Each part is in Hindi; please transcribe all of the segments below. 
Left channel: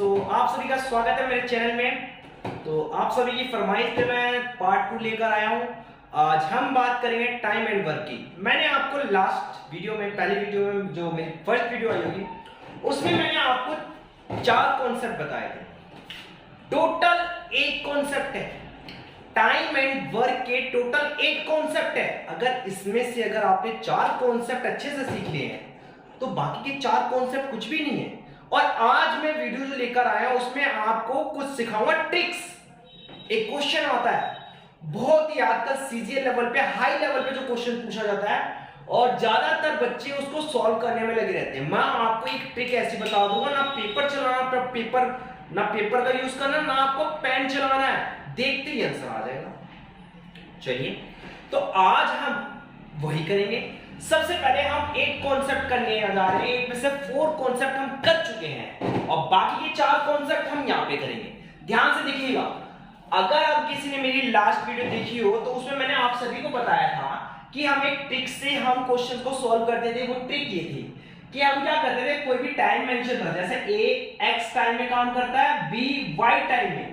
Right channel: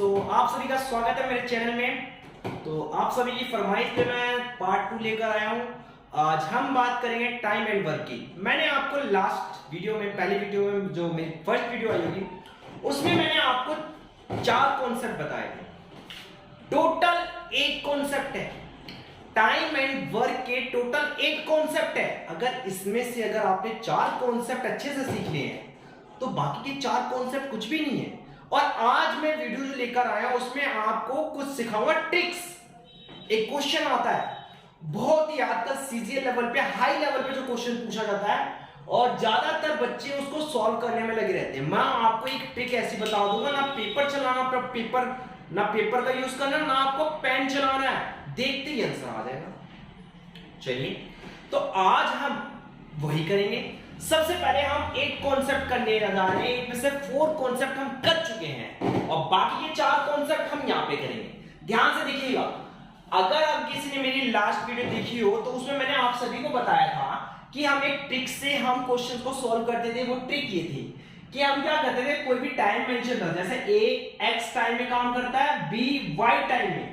आप सभी का स्वागत है मेरे चैनल में। तो आप सभी की फरमाइश पे मैं पार्ट 2 लेकर आया हूँ। आज हम बात करेंगे टाइम एंड वर्क की। मैंने आपको लास्ट वीडियो में, पहली वीडियो में जो मेरी फर्स्ट वीडियो आई होगी, उसमें मैंने आपको 4 कॉन्सेप्ट बताए थे। टोटल 8 कॉन्सेप्ट है। टाइम एंड वर्क के टोटल 8 कॉन्सेप्ट है। अगर इसमें से अगर आपने 4 कॉन्सेप्ट अच्छे से सीख लिए हैं तो बाकी के 4 कॉन्सेप्ट कुछ भी नहीं है। और आज मैं वीडियो जो लेकर आया उसमें आपको कुछ सिखाऊंगा ट्रिक्स। एक क्वेश्चन आता है बहुत ही आजकल सीजीएल लेवल पे, हाई लेवल पे जो क्वेश्चन पूछा जाता है और ज्यादातर बच्चे उसको सॉल्व करने में लगे रहते हैं। मैं आपको एक ट्रिक ऐसी बता दूंगा, ना पेपर चलाना, ना पेपर का यूज करना, ना आपको पेन चलाना है, देखते ही आंसर आ जाएगा। चलिए, तो आज हम वही करेंगे। सबसे पहले हम 8 कॉन्सेप्ट करने जा रहे हैं। 8 में से 4 कॉन्सेप्ट हम कर चुके हैं और बाकी के 4 कॉन्सेप्ट हम यहां पे करेंगे। ध्यान से देखिएगा। अगर अब किसी ने मेरी लास्ट वीडियो देखी हो तो उसमें मैंने आप सभी को बताया था कि हम एक ट्रिक से हम क्वेश्चन को सॉल्व करते थे। वो ट्रिक ये थी कि हम क्या करते थे, कोई भी टाइम मेंशन करते, जैसे ए एक्स टाइम में काम करता है, बी वाई टाइम में,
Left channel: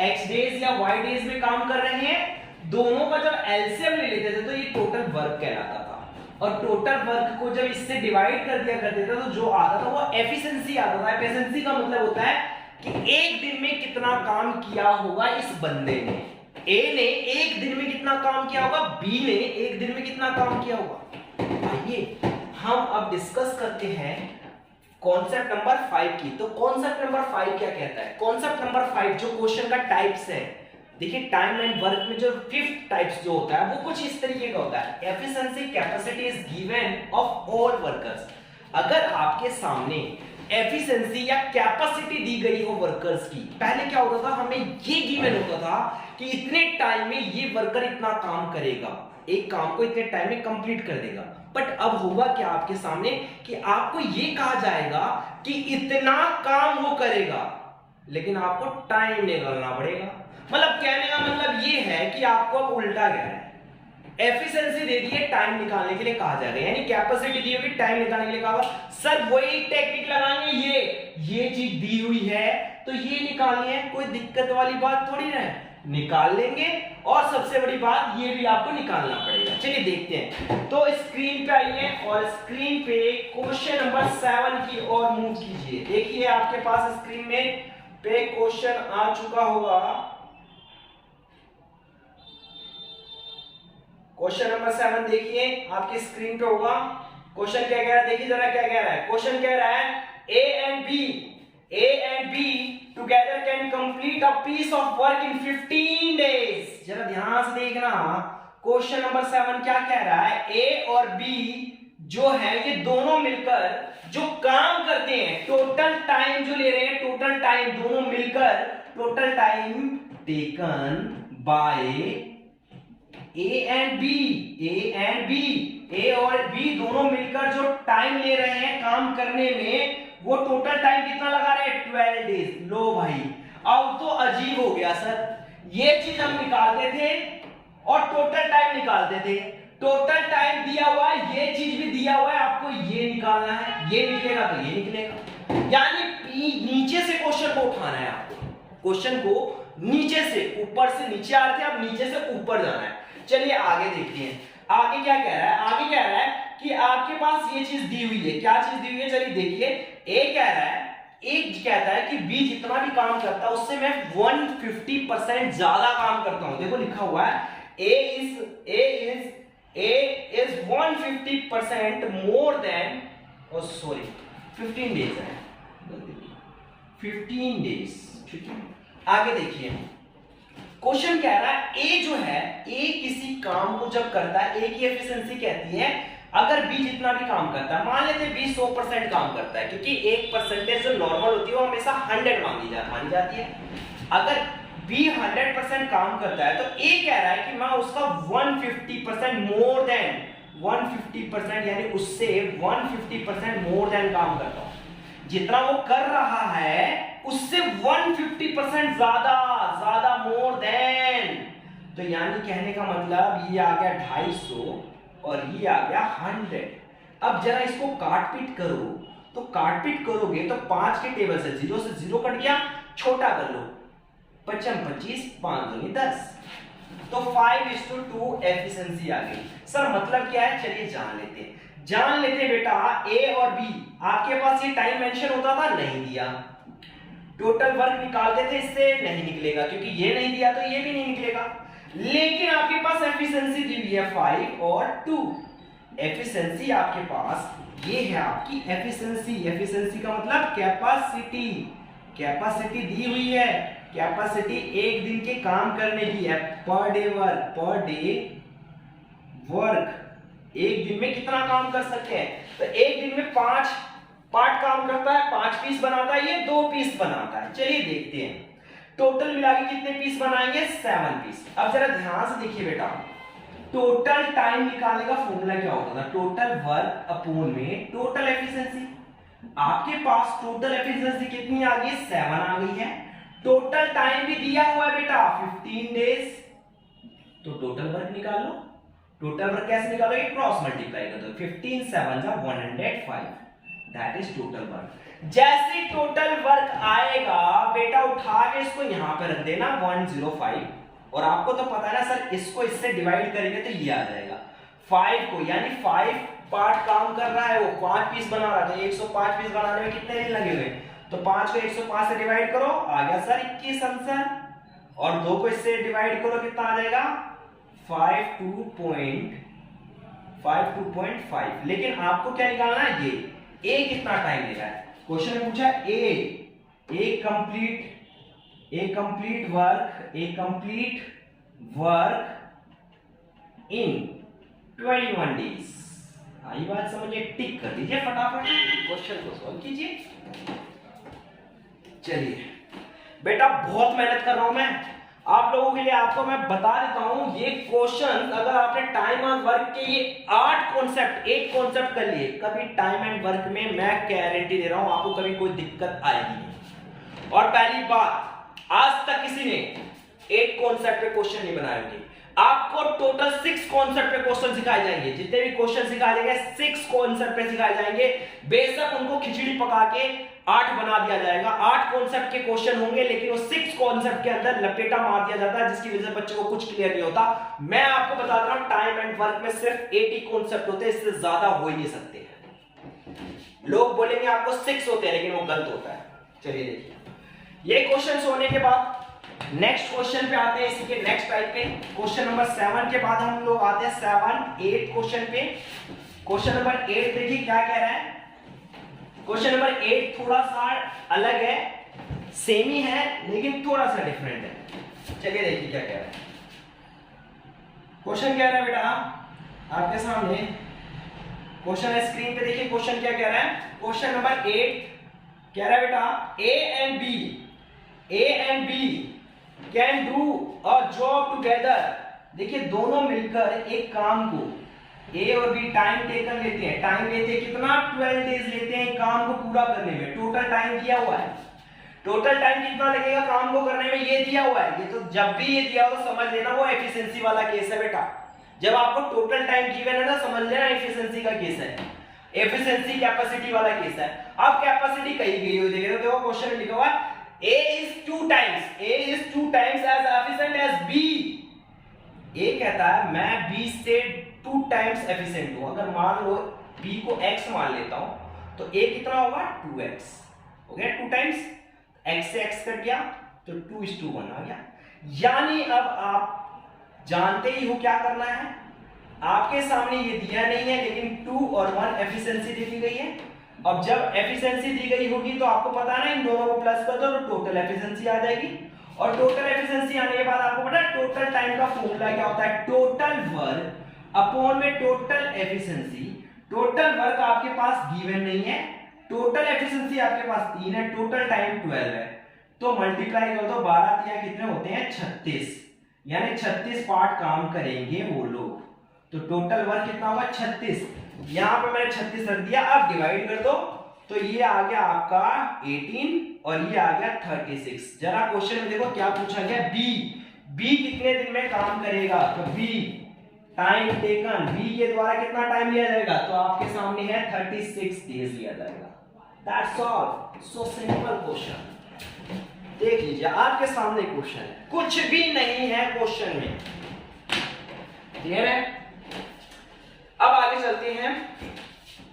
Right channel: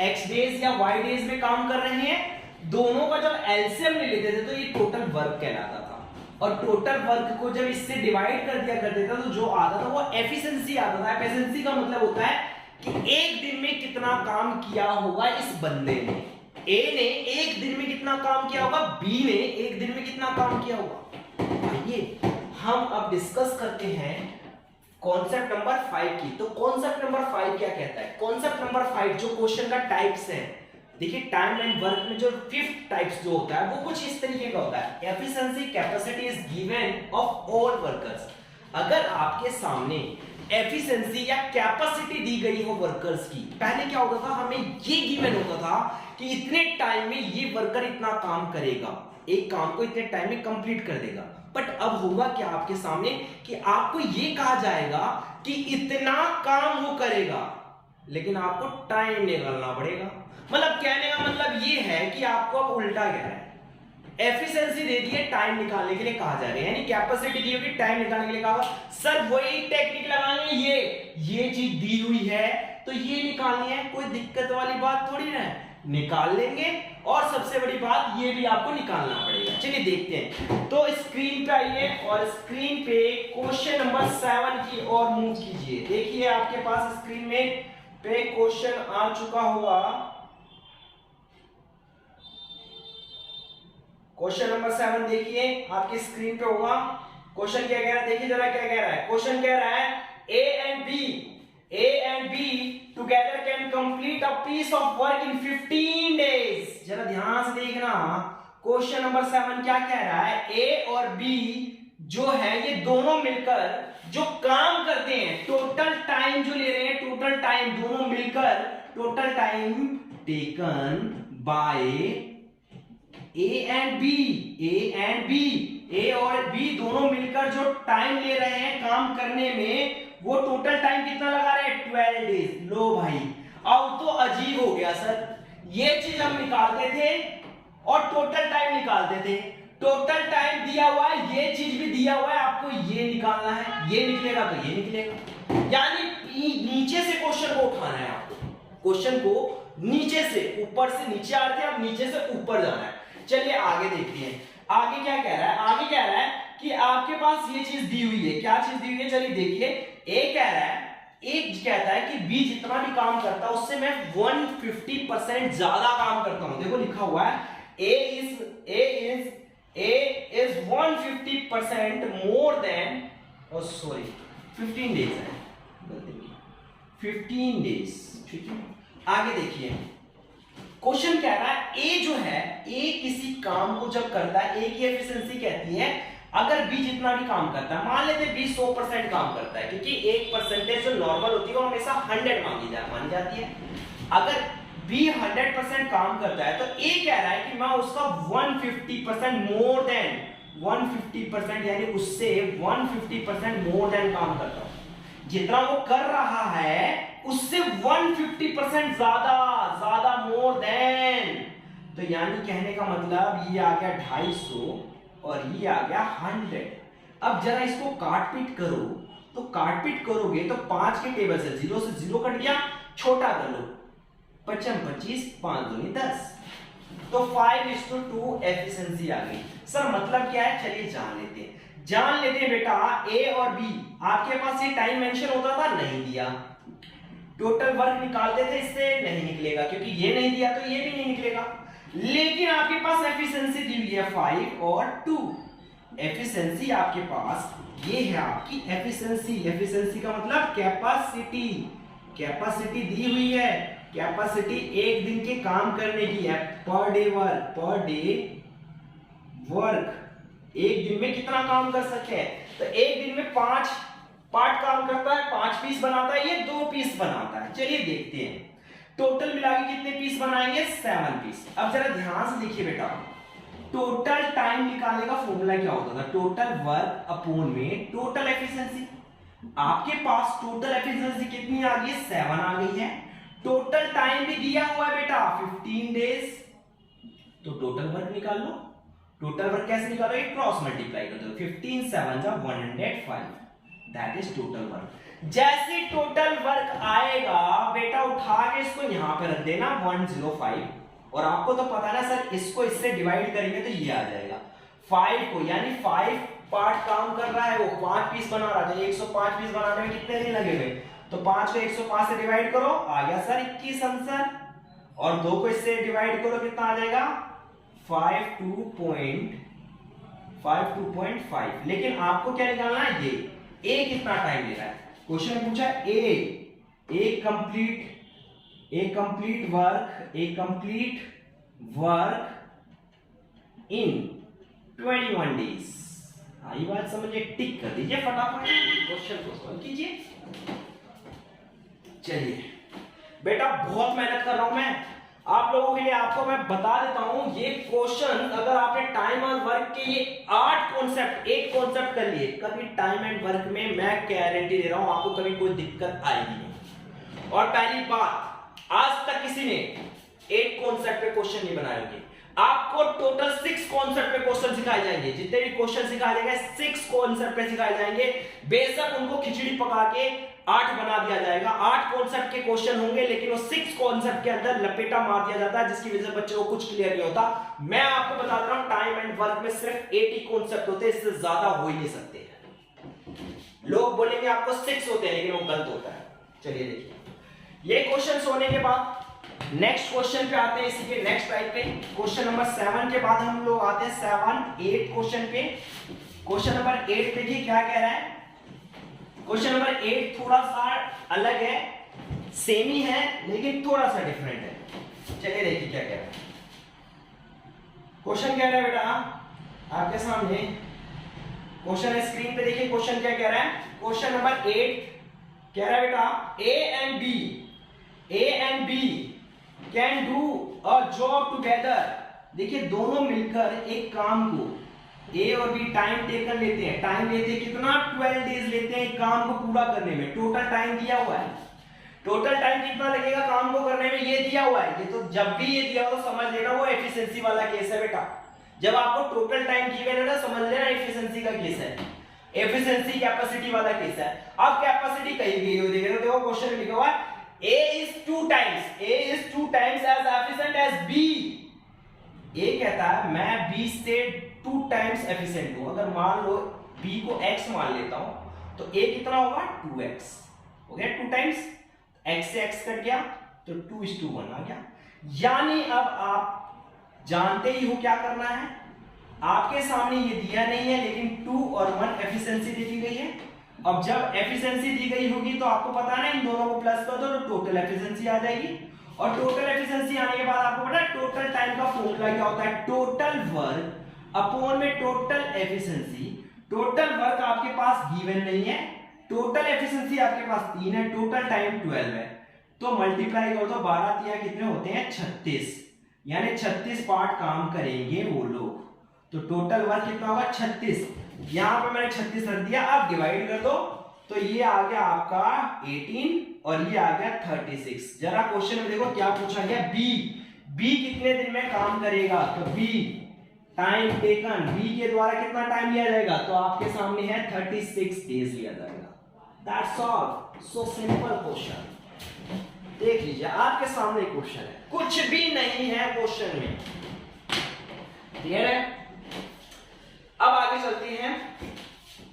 एक्स डेज या वाई डेज में काम कर रहे हैं, दोनों का जब एलसीएम ले लेते थे तो ये टोटल वर्क कहलाता था। और टोटल वर्क को जब इससे डिवाइड कर दिया करते थे तो जो आता था वो एफिशिएंसी आता था। एफिशिएंसी का मतलब होता है कि एक दिन में कितना काम किया होगा इस बंदे ने। ए ने एक दिन में कितना काम किया होगा, बी ने एक दिन में कितना काम किया होगा। आइए हम अब डिस्कस करते हैं कॉन्सेप्ट नंबर 5 की। तो कॉन्सेप्ट नंबर 5 क्या कहता है? कॉन्सेप्ट नंबर 5 जो क्वेश्चन का टाइप्स है, देखिए टाइम एंड वर्क में जो 5th टाइप्स जो होता है वो कुछ इस तरीके का होता है। Efficiency capacity is given of all workers. अगर आपके सामने एफिशिएंसी या कैपेसिटी दी गई हो वर्कर्स की, पहले क्या होता था, हमें ये गिवन होता था कि इतने टाइम में ये वर्कर इतना काम करेगा, एक काम को इतने टाइम में कंप्लीट कर देगा। बट अब होगा क्या आपके सामने कि आपको ये कहा जाएगा कि इतना काम वो करेगा, लेकिन आपको टाइम निकालना पड़ेगा। मतलब कहने का मतलब ये है कि आपको अब उल्टा कह रहा है। एफिशिएंसी दे दी है, टाइम निकालने के लिए कहा जा रहा है, यानी कैपेसिटी दी होगी, टाइम निकालने के लिए कहा। सर वही टेक्निक लगाएंगे, ये चीज दी हुई है तो ये निकालनी है, कोई दिक्कत वाली बात थोड़ी ना है, निकाल लेंगे। और सबसे बड़ी बात ये भी आपको निकालना पड़ेगा। चलिए देखते हैं। तो स्क्रीन पे आइए और स्क्रीन पे क्वेश्चन नंबर 7 की ओर मूव कीजिए। देखिए आपके पास स्क्रीन में पे क्वेश्चन आ चुका होगा। क्वेश्चन नंबर 7 देखिए आपकी स्क्रीन पे होगा। क्वेश्चन क्या कह रहा है, देखिए जरा क्या कह रहा है। क्वेश्चन कह रहा है A and B together can complete a piece of work in 15 days. जरा ध्यान से देखना, क्वेश्चन नंबर 7 क्या कह रहा है, ए और बी जो है ये दोनों मिलकर जो काम करते हैं, टोटल टाइम जो ले रहे हैं, टोटल टाइम दोनों मिलकर, total time taken by A and B, A और बी दोनों मिलकर जो टाइम ले रहे हैं काम करने में, वो टोटल टाइम कितना लगा रहे हैं, 12 डेज। लो भाई, अब तो अजीब हो गया सर। ये चीज हम निकालते थे और टोटल टाइम निकालते थे। टोटल टाइम दिया हुआ है, ये चीज भी दिया हुआ है, आपको ये निकालना है, ये निकलेगा तो ये निकलेगा। यानी नीचे से क्वेश्चन को उठाना है आपको। क्वेश्चन को नीचे से, ऊपर से नीचे आ रहे थे, अब नीचे से ऊपर जाना है। चलिए आगे देखते हैं आगे क्या कह रहा है। आगे कह रहा है कि आपके पास ये चीज दी हुई है। क्या चीज दी हुई है, चलिए देखिए। ए कह रहा है, एक कहता है कि बी जितना भी काम करता है उससे मैं 150% ज्यादा काम करता हूं। देखो लिखा हुआ है A is 150% more than, oh sorry 15 days है, 15 डेज। ठीक है, आगे देखिए क्वेश्चन कह रहा है ए जो है, ए किसी काम को जब करता है, ए की एफिशिएंसी कहती है अगर बी जितना भी काम करता है, मान लेते हैं बी 100% काम करता है, क्योंकि एक परसेंटेज जो नॉर्मल होती है वो हमेशा 100 मानी जाती है। अगर बी 100% काम करता है तो ए कह रहा है कि मैं उसका 150% मोर देन 150%, यानी उससे 150% मोर देन काम करता हूं। जितना वो कर रहा है उससे 150% ज्यादा मोर देन। तो यानी कहने का मतलब ये आ गया 250 और ये आ गया 100। अब जरा इसको काट पीट करो तो काटपीट करोगे तो 5 के टेबल से 0 से 0 कट गया, छोटा कर लो, 5 25, 5 दूनी 10, तो 5:2 एफिशिएंसी आ गई। सर मतलब क्या है, चलिए जान लेते हैं बेटा। ए और बी आपके पास ये टाइम मेंशन होता था, नहीं दिया, टोटल वर्क निकालते थे, इससे नहीं निकलेगा क्योंकि ये नहीं दिया तो ये भी नहीं निकलेगा। लेकिन आपके पास एफिशिएंसी दी हुई है 5 और 2, एफिशिएंसी आपके पास ये है आपकी एफिशिएंसी। एफिशिएंसी का मतलब कैपेसिटी, कैपेसिटी दी हुई है, कैपेसिटी एक दिन के काम करने की है, पर डे वर्क, एक दिन में कितना काम कर सकते हैं, तो एक दिन में 5 पार्ट काम करता है, 5 पीस बनाता है, ये 2 पीस बनाता है। चलिए देखते हैं टोटल मिला के कितने पीस बनाएंगे, 7 पीस। अब जरा ध्यान से देखिए बेटा, टोटल टाइम निकालने का फॉर्मूला क्या होता था, टोटल वर्क अपॉन में टोटल एफिशिएंसी। आपके पास टोटल एफिशिएंसी कितनी आ गई, 7 आ गई है, टोटल टाइम भी दिया हुआ है बेटा 15 डेज, तो टोटल वर्क निकाल लो। टोटल वर्क कैसे निकालोगे, क्रॉस मल्टीप्लाई कर दो, 15 7 जा 105, दैट इज टोटल वर्क। जैसे टोटल वर्क आएगा बेटा उठा के इसको यहां पे रख देना 105, और आपको तो पता है ना सर, इसको इससे डिवाइड करेंगे तो ये आ जाएगा 5 को, यानी 5 पार्ट काम कर रहा है, वो 5 पीस बना रहा था, 105 पीस बनाने में कितने दिन लगे हुए, तो 5 को 105 से डिवाइड करो, आ गया सर 21 आंसर, और 2 को इससे डिवाइड करो, कितना आ जाएगा 52.5। लेकिन आपको क्या निकालना है, ये ए कितना टाइम ले रहा है, क्वेश्चन में पूछा ए कंप्लीट वर्क इन 21 डेज। आई बात समझिए, टिक कर दीजिए फटाफट, क्वेश्चन को सॉल्व कीजिए। चलिए बेटा बहुत मेहनत कर रहा हूं मैं आप लोगों के लिए, आपको मैं बता देता हूं ये क्वेश्चन, अगर आपने टाइम एंड वर्क के ये 8 कॉन्सेप्ट कर लिए, कभी टाइम एंड वर्क में मैं गारंटी दे रहा हूं आपको कभी कोई दिक्कत आएगी नहीं। और पहली बात, आज तक किसी ने 8 कॉन्सेप्ट पे क्वेश्चन नहीं बनाए होंगे, आपको टोटल 6 कॉन्सेप्ट पे क्वेश्चन सिखाए जाएंगे, जितने भी क्वेश्चन सिखाए जाएंगे 6 कॉन्सेप्ट पे सिखाए जाएंगे। बेशक उनको खिचड़ी पका के 8 बना दिया जाएगा, 8 कॉन्सेप्ट के क्वेश्चन होंगे, लेकिन वो 6 कॉन्सेप्ट के अंदर लपेटा मार दिया जाता है, जिसकी वजह से बच्चे को कुछ क्लियर नहीं होता। मैं आपको बता रहा हूं टाइम एंड वर्क में सिर्फ 8 ही कॉन्सेप्ट होते हैं, इससे ज्यादा हो ही नहीं सकते हैं। लोग बोलेंगे आपको 6 होते हैं, लेकिन वो गलत होता है। चलिए देखिए, ये क्वेश्चन होने के बाद नेक्स्ट क्वेश्चन पे आते हैं, इसी के नेक्स्ट टाइप के क्वेश्चन नंबर 7 के बाद हम लोग आते हैं 7 8 क्वेश्चन पे। क्वेश्चन नंबर 8 देखिए क्या कह रहा है, क्वेश्चन नंबर 8 थोड़ा सा अलग है, सेम ही है लेकिन थोड़ा सा डिफरेंट है। चलिए देखिए क्या कह रहा है। क्वेश्चन कह रहा है बेटा आपके सामने, क्वेश्चन है स्क्रीन पे, देखिए क्वेश्चन क्या कह रहा है। क्वेश्चन नंबर 8 कह रहा है बेटा A and B can do a job together. देखिए दोनों मिलकर एक काम को, ए और बी टाइम टेकन लेते हैं, टाइम लेते हैं कितना, 12 डेज लेते हैं काम को पूरा करने में। टोटल टाइम दिया हुआ है, टोटल टाइम कितना लगेगा काम को करने में, ये दिया हुआ है। ये तो जब भी ये दिया हो तो समझ लेना वो एफिशिएंसी वाला केस है बेटा। जब आपको टोटल टाइम गिवन है ना, समझ लेना एफिशिएंसी का केस है, एफिशिएंसी कैपेसिटी वाला केस है। अब कैपेसिटी कही गई हो, देखो क्वेश्चन में लिखा हुआ है A is 2 times as efficient as B। A कहता है मैं B से 2 टाइम्स एफिशिएंट हूं। अगर मान लो B को X मान लेता हूं तो A कितना होगा, 2X हो गया, 2 टाइम्स, X से X कट गया तो 2:1 आ गया। यानी अब आप जानते ही हो क्या करना है, आपके सामने ये दिया नहीं है लेकिन 2 और 1 एफिशिएंसी दे दी गई है। अब जब एफिशिएंसी दी गई होगी तो आपको पता है ना, इन दोनों को प्लस कर दो तो टोटल एफिशिएंसी आ जाएगी। और टोटल एफिशिएंसी आने के बाद आपको पता है टोटल टाइम का फॉर्मूला क्या होता है, टोटल वर्क अपॉन में टोटल एफिशिएंसी। टोटल वर्क आपके पास गिवन नहीं है, टोटल एफिशिएंसी आपके पास 3 है, टोटल टाइम 12 है, तो मल्टीप्लाई कर दो, 12 या कितने होते हैं 36, यानी 36 पार्ट काम करेंगे वो लोग, तो टोटल वर्क कितना होगा 36। यहां पे मैंने 36 रख दिया, अब डिवाइड कर दो तो ये आ गया आपका 18 और ये आ गया 36। जरा क्वेश्चन में देखो क्या पूछा गया, बी कितने दिन में काम करेगा, तो बी टाइम टेकन, बी के द्वारा कितना टाइम लिया जाएगा, तो आपके सामने है 36 डेज लिया जाएगा। That's all, so simple question. देख लीजिए आपके सामने क्वेश्चन है, कुछ भी नहीं है क्वेश्चन में, क्लियर है। अब आगे चलते हैं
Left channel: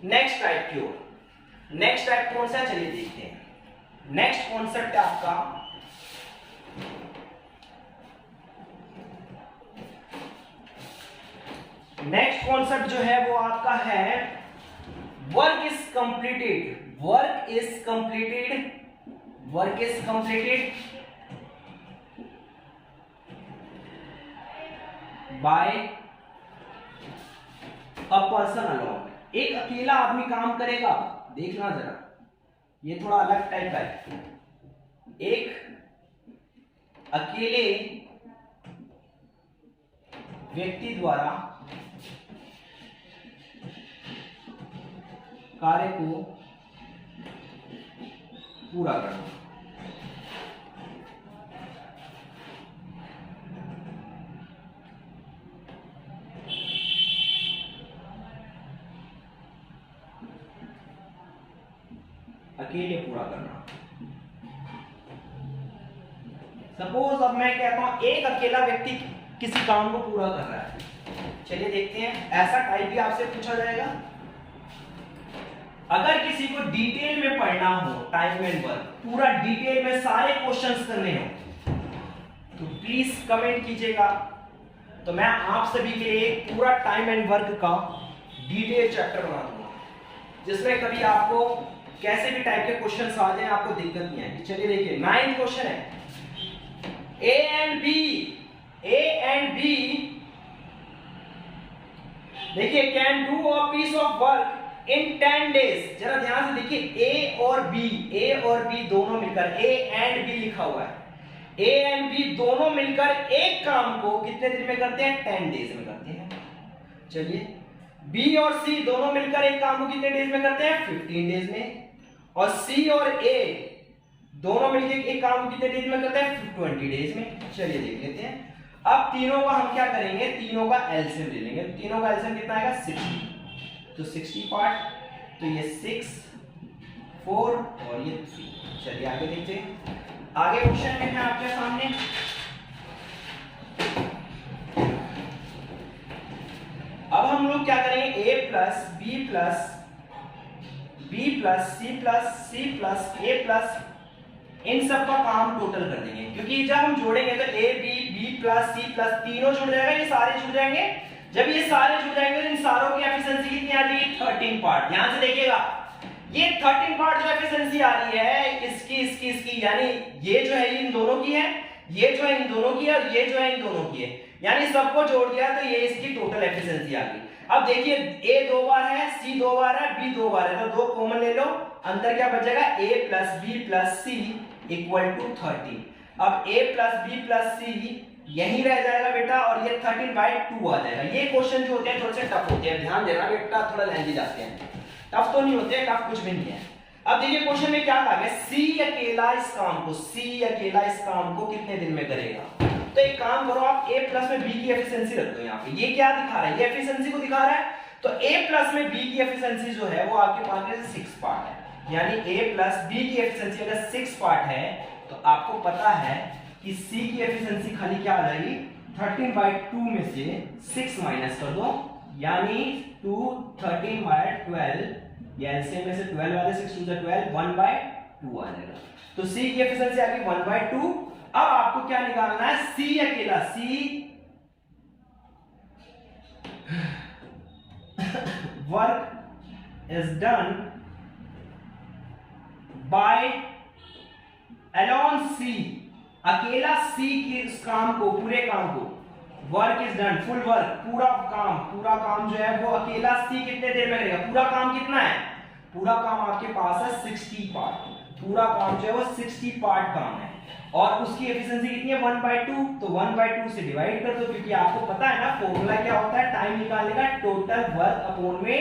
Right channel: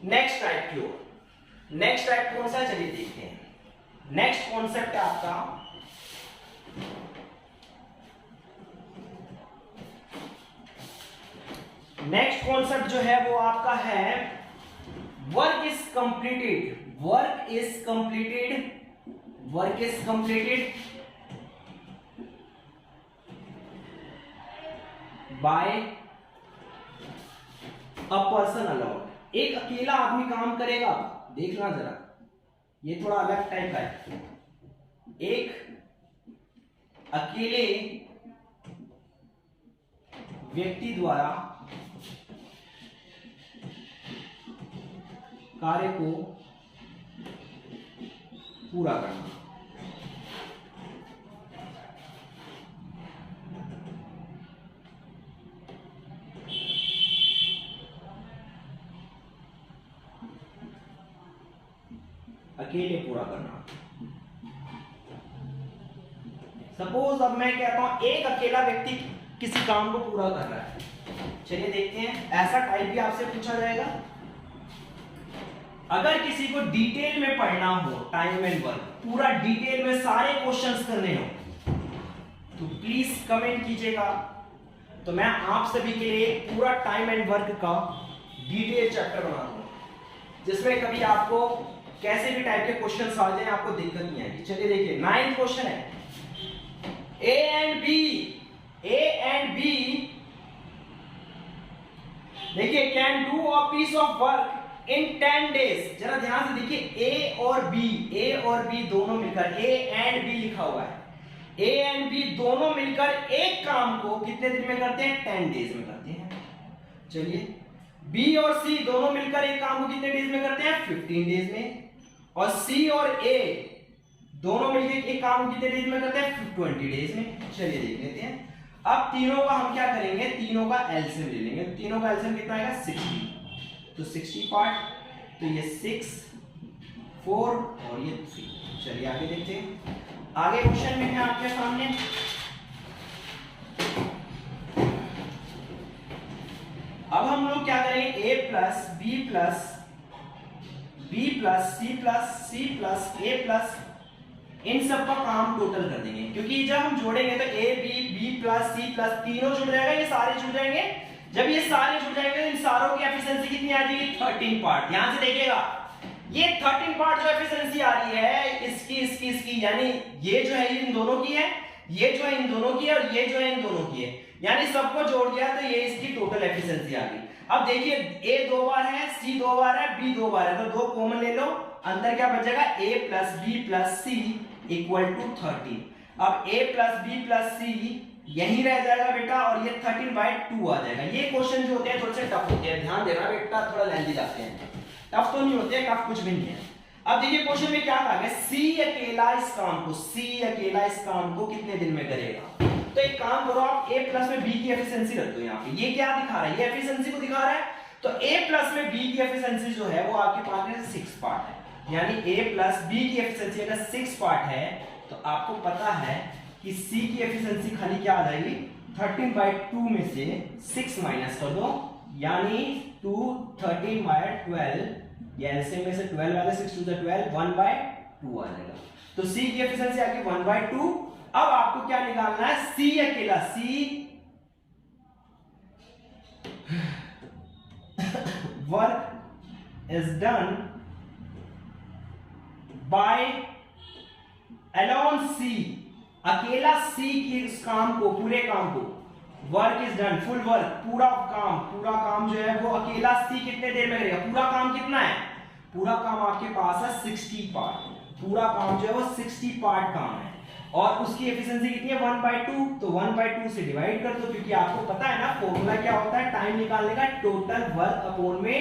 नेक्स्ट टाइप की ओर। नेक्स्ट टाइप कौन सा है, चलिए देखते हैं। नेक्स्ट कॉन्सेप्ट है आपका नेक्स्ट कॉन्सेप्ट जो है वो आपका है work is completed. Work is completed, work is completed by a person alone. एक अकेला आदमी काम करेगा, देखना जरा, ये थोड़ा अलग टाइप का है। एक अकेले व्यक्ति द्वारा कार्य को पूरा करना। अकेले पूरा करना। सपोज अब मैं कहता हूं एक अकेला व्यक्ति किसी काम को पूरा कर रहा है। चलिए देखते हैं, ऐसा टाइप भी आपसे पूछा जाएगा। अगर किसी को डिटेल में पढ़ना हो टाइम एंड वर्क, पूरा डिटेल में सारे क्वेश्चंस करने हो, तो प्लीज कमेंट कीजिएगा। तो मैं आप सभी के लिए पूरा टाइम एंड वर्क का डिटेल चैप्टर बना दूंगा, जिसमें कभी आपको कैसे भी टाइप के क्वेश्चंस आ जाए आपको दिक्कत नहीं आएगी। चलिए देखिए, 9th क्वेश्चन है, ए एंड बी देखिए can do a piece of work in 10 days. जरा ध्यान से देखिए, ए और बी दोनों मिलकर, ए एंड बी लिखा हुआ है, ए एंड बी दोनों मिलकर एक काम को कितने दिन में करते हैं, 10 डेज में करते हैं। चलिए, बी और सी दोनों मिलकर एक काम को कितने डेज में करते हैं, 15 डेज में। और सी और ए दोनों मिलकर एक काम को कितने डेज में करते हैं, 20 डेज में। चलिए देख लेते हैं। अब तीनों का हम क्या करेंगे, तीनों का एलसीएम ले लेंगे। तीनों का एलसीएम कितना आएगा, 60। तो 60 पार्ट, तो ये 6, 4 और ये 3। चलिए आगे देखते हैं। आगे क्वेश्चन में है आपके सामने, अब हम लोग क्या करेंगे, a plus B plus C plus C plus A plus, इन सब का काम टोटल कर देंगे, क्योंकि जब हम जोड़ेंगे तो A B plus C plus तीनों जुड़ जाएगा, ये सारे जुड़ जाएंगे। जब ये सारे जुड़ जाएंगे तो इन सारों की एफिशिएंसी कितनी आ जाएगी, 13 पार्ट। ध्यान से देखिएगा, ये 13 पार्ट जो एफिशिएंसी आ रही है इसकी, यानी ये जो है इन दोनों की है, ये जो है इन दोनों की है, और ये जो है इन दोनों की है, यानी सबको जोड़ दिया तो ये इसकी टोटल एफिशिएंसी आ गई। अब देखिए, ए 2 बार है, सी 2 बार है, बी 2 बार है, तो 2 कॉमन ले लो, अंतर क्या बचेगा, a plus B plus C equal to 13। अब a plus B plus C यही रह जाएगा बेटा, और ये 13/2 आ जाएगा। ये क्वेश्चन जो होते हैं थोड़े से टफ होते हैं, ध्यान देना बेटा, थोड़ा लेंथी जाते हैं। टफ तो नहीं होते, टफ कुछ भी नहीं है। अब देखिए क्वेश्चन में क्या कहा गया, सी अकेला इस काम को कितने दिन में करेगा। तो एक काम करो, आप a प्लस में b की एफिशिएंसी रख दो। यहाँ पे ये क्या दिखा रहा है, ये एफिशिएंसी को दिखा रहा है। तो a प्लस में b की एफिशिएंसी जो है वो आपके पास में 6 पार्ट है, यानी a प्लस b की एफिशिएंसी अगर 6 पार्ट है, तो आपको पता है कि c की एफिशिएंसी खाली क्या आ जाएगी, 13/2 में से 6 माइनस कर दो, यानी 2 13/12, ये एलसीएम में से 12 वाले 6 2 12, 1/2 आ जाएगा। तो c की एफिशिएंसी आ गई 1/2। अब आपको क्या निकालना है, C अकेला, C work is done by alone C, अकेला C के उस काम को, पूरे काम को, work is done, full work, पूरा काम जो है वो अकेला C कितने देर में करेगा। पूरा काम कितना है, पूरा काम आपके पास है 60 पार्ट, पूरा काम जो है वो 60 पार्ट काम है, और उसकी एफिशिएंसी कितनी है, 1/2। तो 1/2 से डिवाइड कर दो, क्योंकि आपको पता है ना फॉर्मूला क्या होता है टाइम निकालने का, टोटल वर्क अपॉन में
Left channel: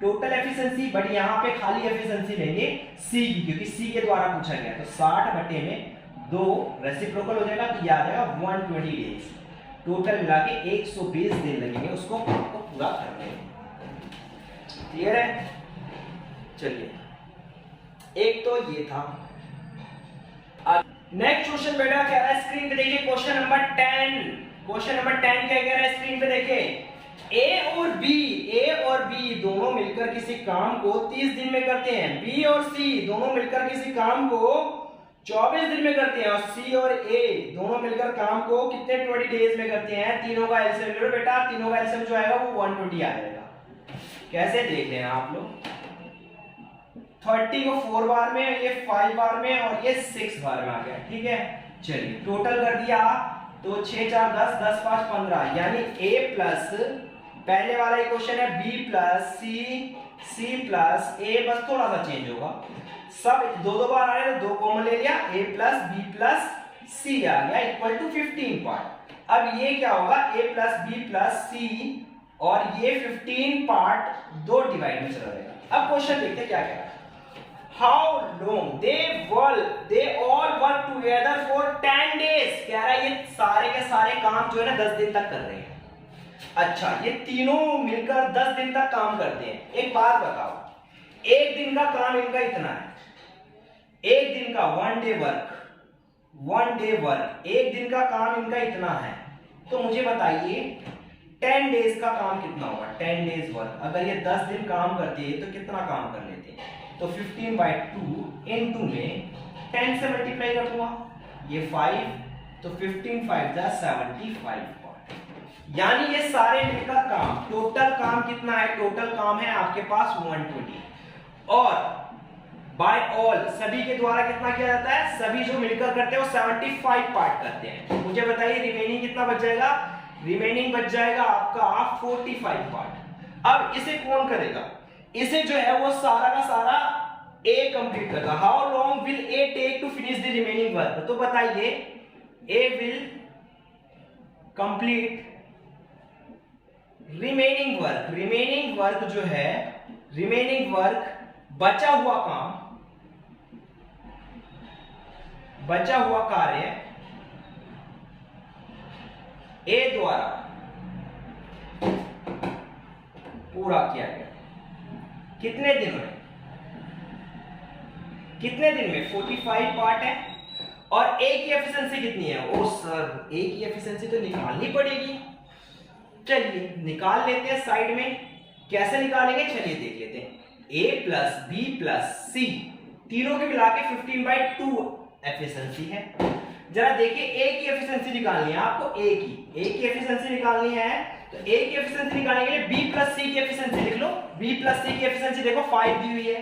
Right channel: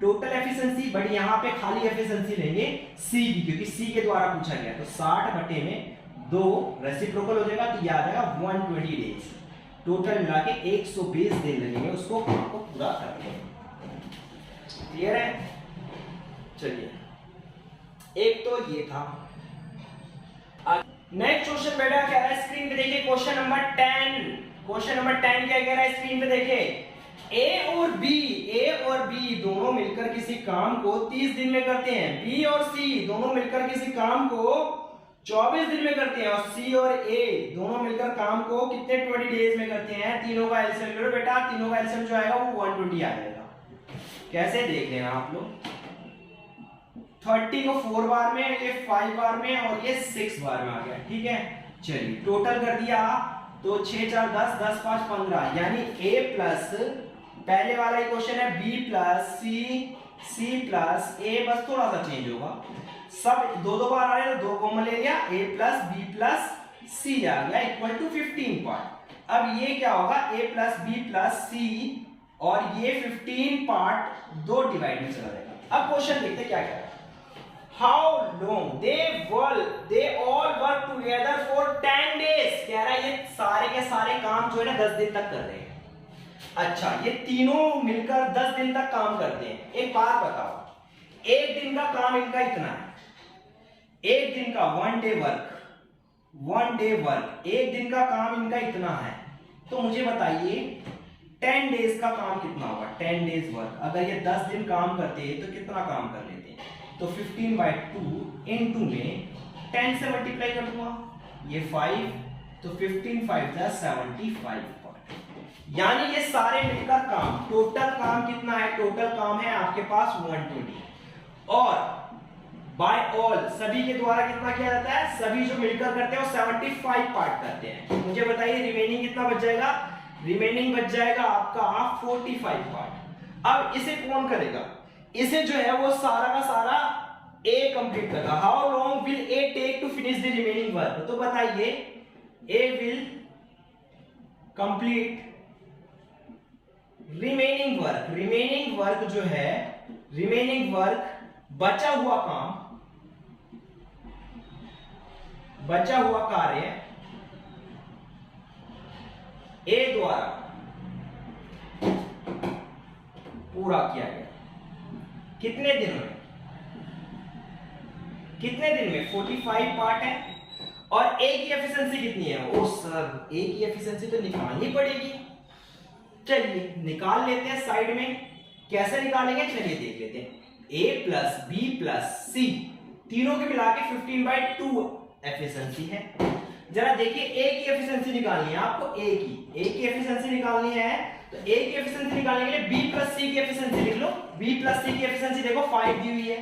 टोटल एफिशिएंसी। बट यहाँ पे खाली एफिशिएंसी लेंगे सी की, क्योंकि सी के द्वारा पूछा गया। तो 60/2 रेसिप्रोकल हो जाएगा, तो ये आ जाएगा 120 डेज। टोटल मिला के 120 दिन लगेंगे उसको पूरा करने में। क्लियर है। चलिए एक तो ये था। नेक्स्ट क्वेश्चन बेटा क्या रहा है स्क्रीन पे देखिए, क्वेश्चन नंबर 10। क्वेश्चन नंबर 10 क्या कह रहा है स्क्रीन पे देखिए, ए और बी दोनों मिलकर किसी काम को 30 दिन में करते हैं, बी और सी दोनों मिलकर किसी काम को 24 दिन में करते हैं, और सी और ए दोनों मिलकर काम को कितने 20 डेज में करते हैं। तीनों का एलसीएम लो बेटा, तीनों का एलसीएम जो आएगा वो 120 आ जाएगा। कैसे देख रहे हैं आप लोग, 30 को 4 बार में, ये 5 बार में, और ये 6 बार में आ गया। ठीक है, चलिए टोटल कर दिया तो 6 4 10, 10 5 15, यानी a प्लस पहले वाला इक्वेशन है b plus c plus a, बस थोड़ा सा चेंज होगा, सब दो दो बार आ रहे तो दो कॉमन ले लिया, a plus b plus c आ गया इक्वल टू 15 पार्ट। अब ये क्या होगा, a plus b plus c, और ये 15 पार्ट दो डिवाइड में चला जाएगा। अब क्वेश्चन देखते क्या कह रहा है, How long they all work together for 10 days। कह रहा है ये सारे के सारे काम जो है ना 10 दिन तक कर रहे हैं। अच्छा, ये तीनों मिलकर 10 दिन तक काम करते हैं। एक बात बताओ, एक दिन का काम इनका इतना है, एक दिन का वन डे वर्क, एक दिन का काम इनका इतना है, तो मुझे बताइए 10 डेज का काम कितना होगा। 10 डेज वर्क, अगर ये 10 दिन काम करते हैं तो कितना काम कर लेते हैं, तो 15/2 इनटू में 10 से मल्टीप्लाई कर दूंगा, ये 5, तो 15 5 जा 75 पार्ट, यानी ये सारे मिलकर काम, टोटल काम कितना है, टोटल काम है आपके पास 120, और बाय ऑल सभी के द्वारा कितना किया जाता है, सभी जो मिलकर करते हैं वो 75 पार्ट करते हैं। मुझे बताइए रिमेनिंग कितना बच जाएगा, रिमेनिंग बच जाएगा आपका 45 पार्ट। अब इसे कौन करेगा, इसे जो है वो सारा का सारा A कंप्लीट करेगा। How long will A take to finish the remaining work, तो बताइए A will complete remaining work जो है, रिमेनिंग वर्क बचा हुआ काम, बचा हुआ कार्य A द्वारा पूरा किया गया कितने दिन में, कितने दिन में 45 पार्ट है, और A की एफिशिएंसी कितनी है, ओ सर A की एफिशिएंसी तो निकालनी पड़ेगी, चलिए निकाल लेते हैं साइड में। कैसे निकालेंगे चलिए देख लेते हैं। A plus B plus C तीनों के मिला के 15/2 एफिशिएंसी है। जरा देखिए A की एफिशिएंसी निकालनी है आपको, A की एफिशिएंसी निकालनी है, तो A की एफिशिएंसी निकालने के लिए B प्लस C की एफिशिएंसी लिख लो। B प्लस C की एफिशिएंसी देखो 5 दी हुई है,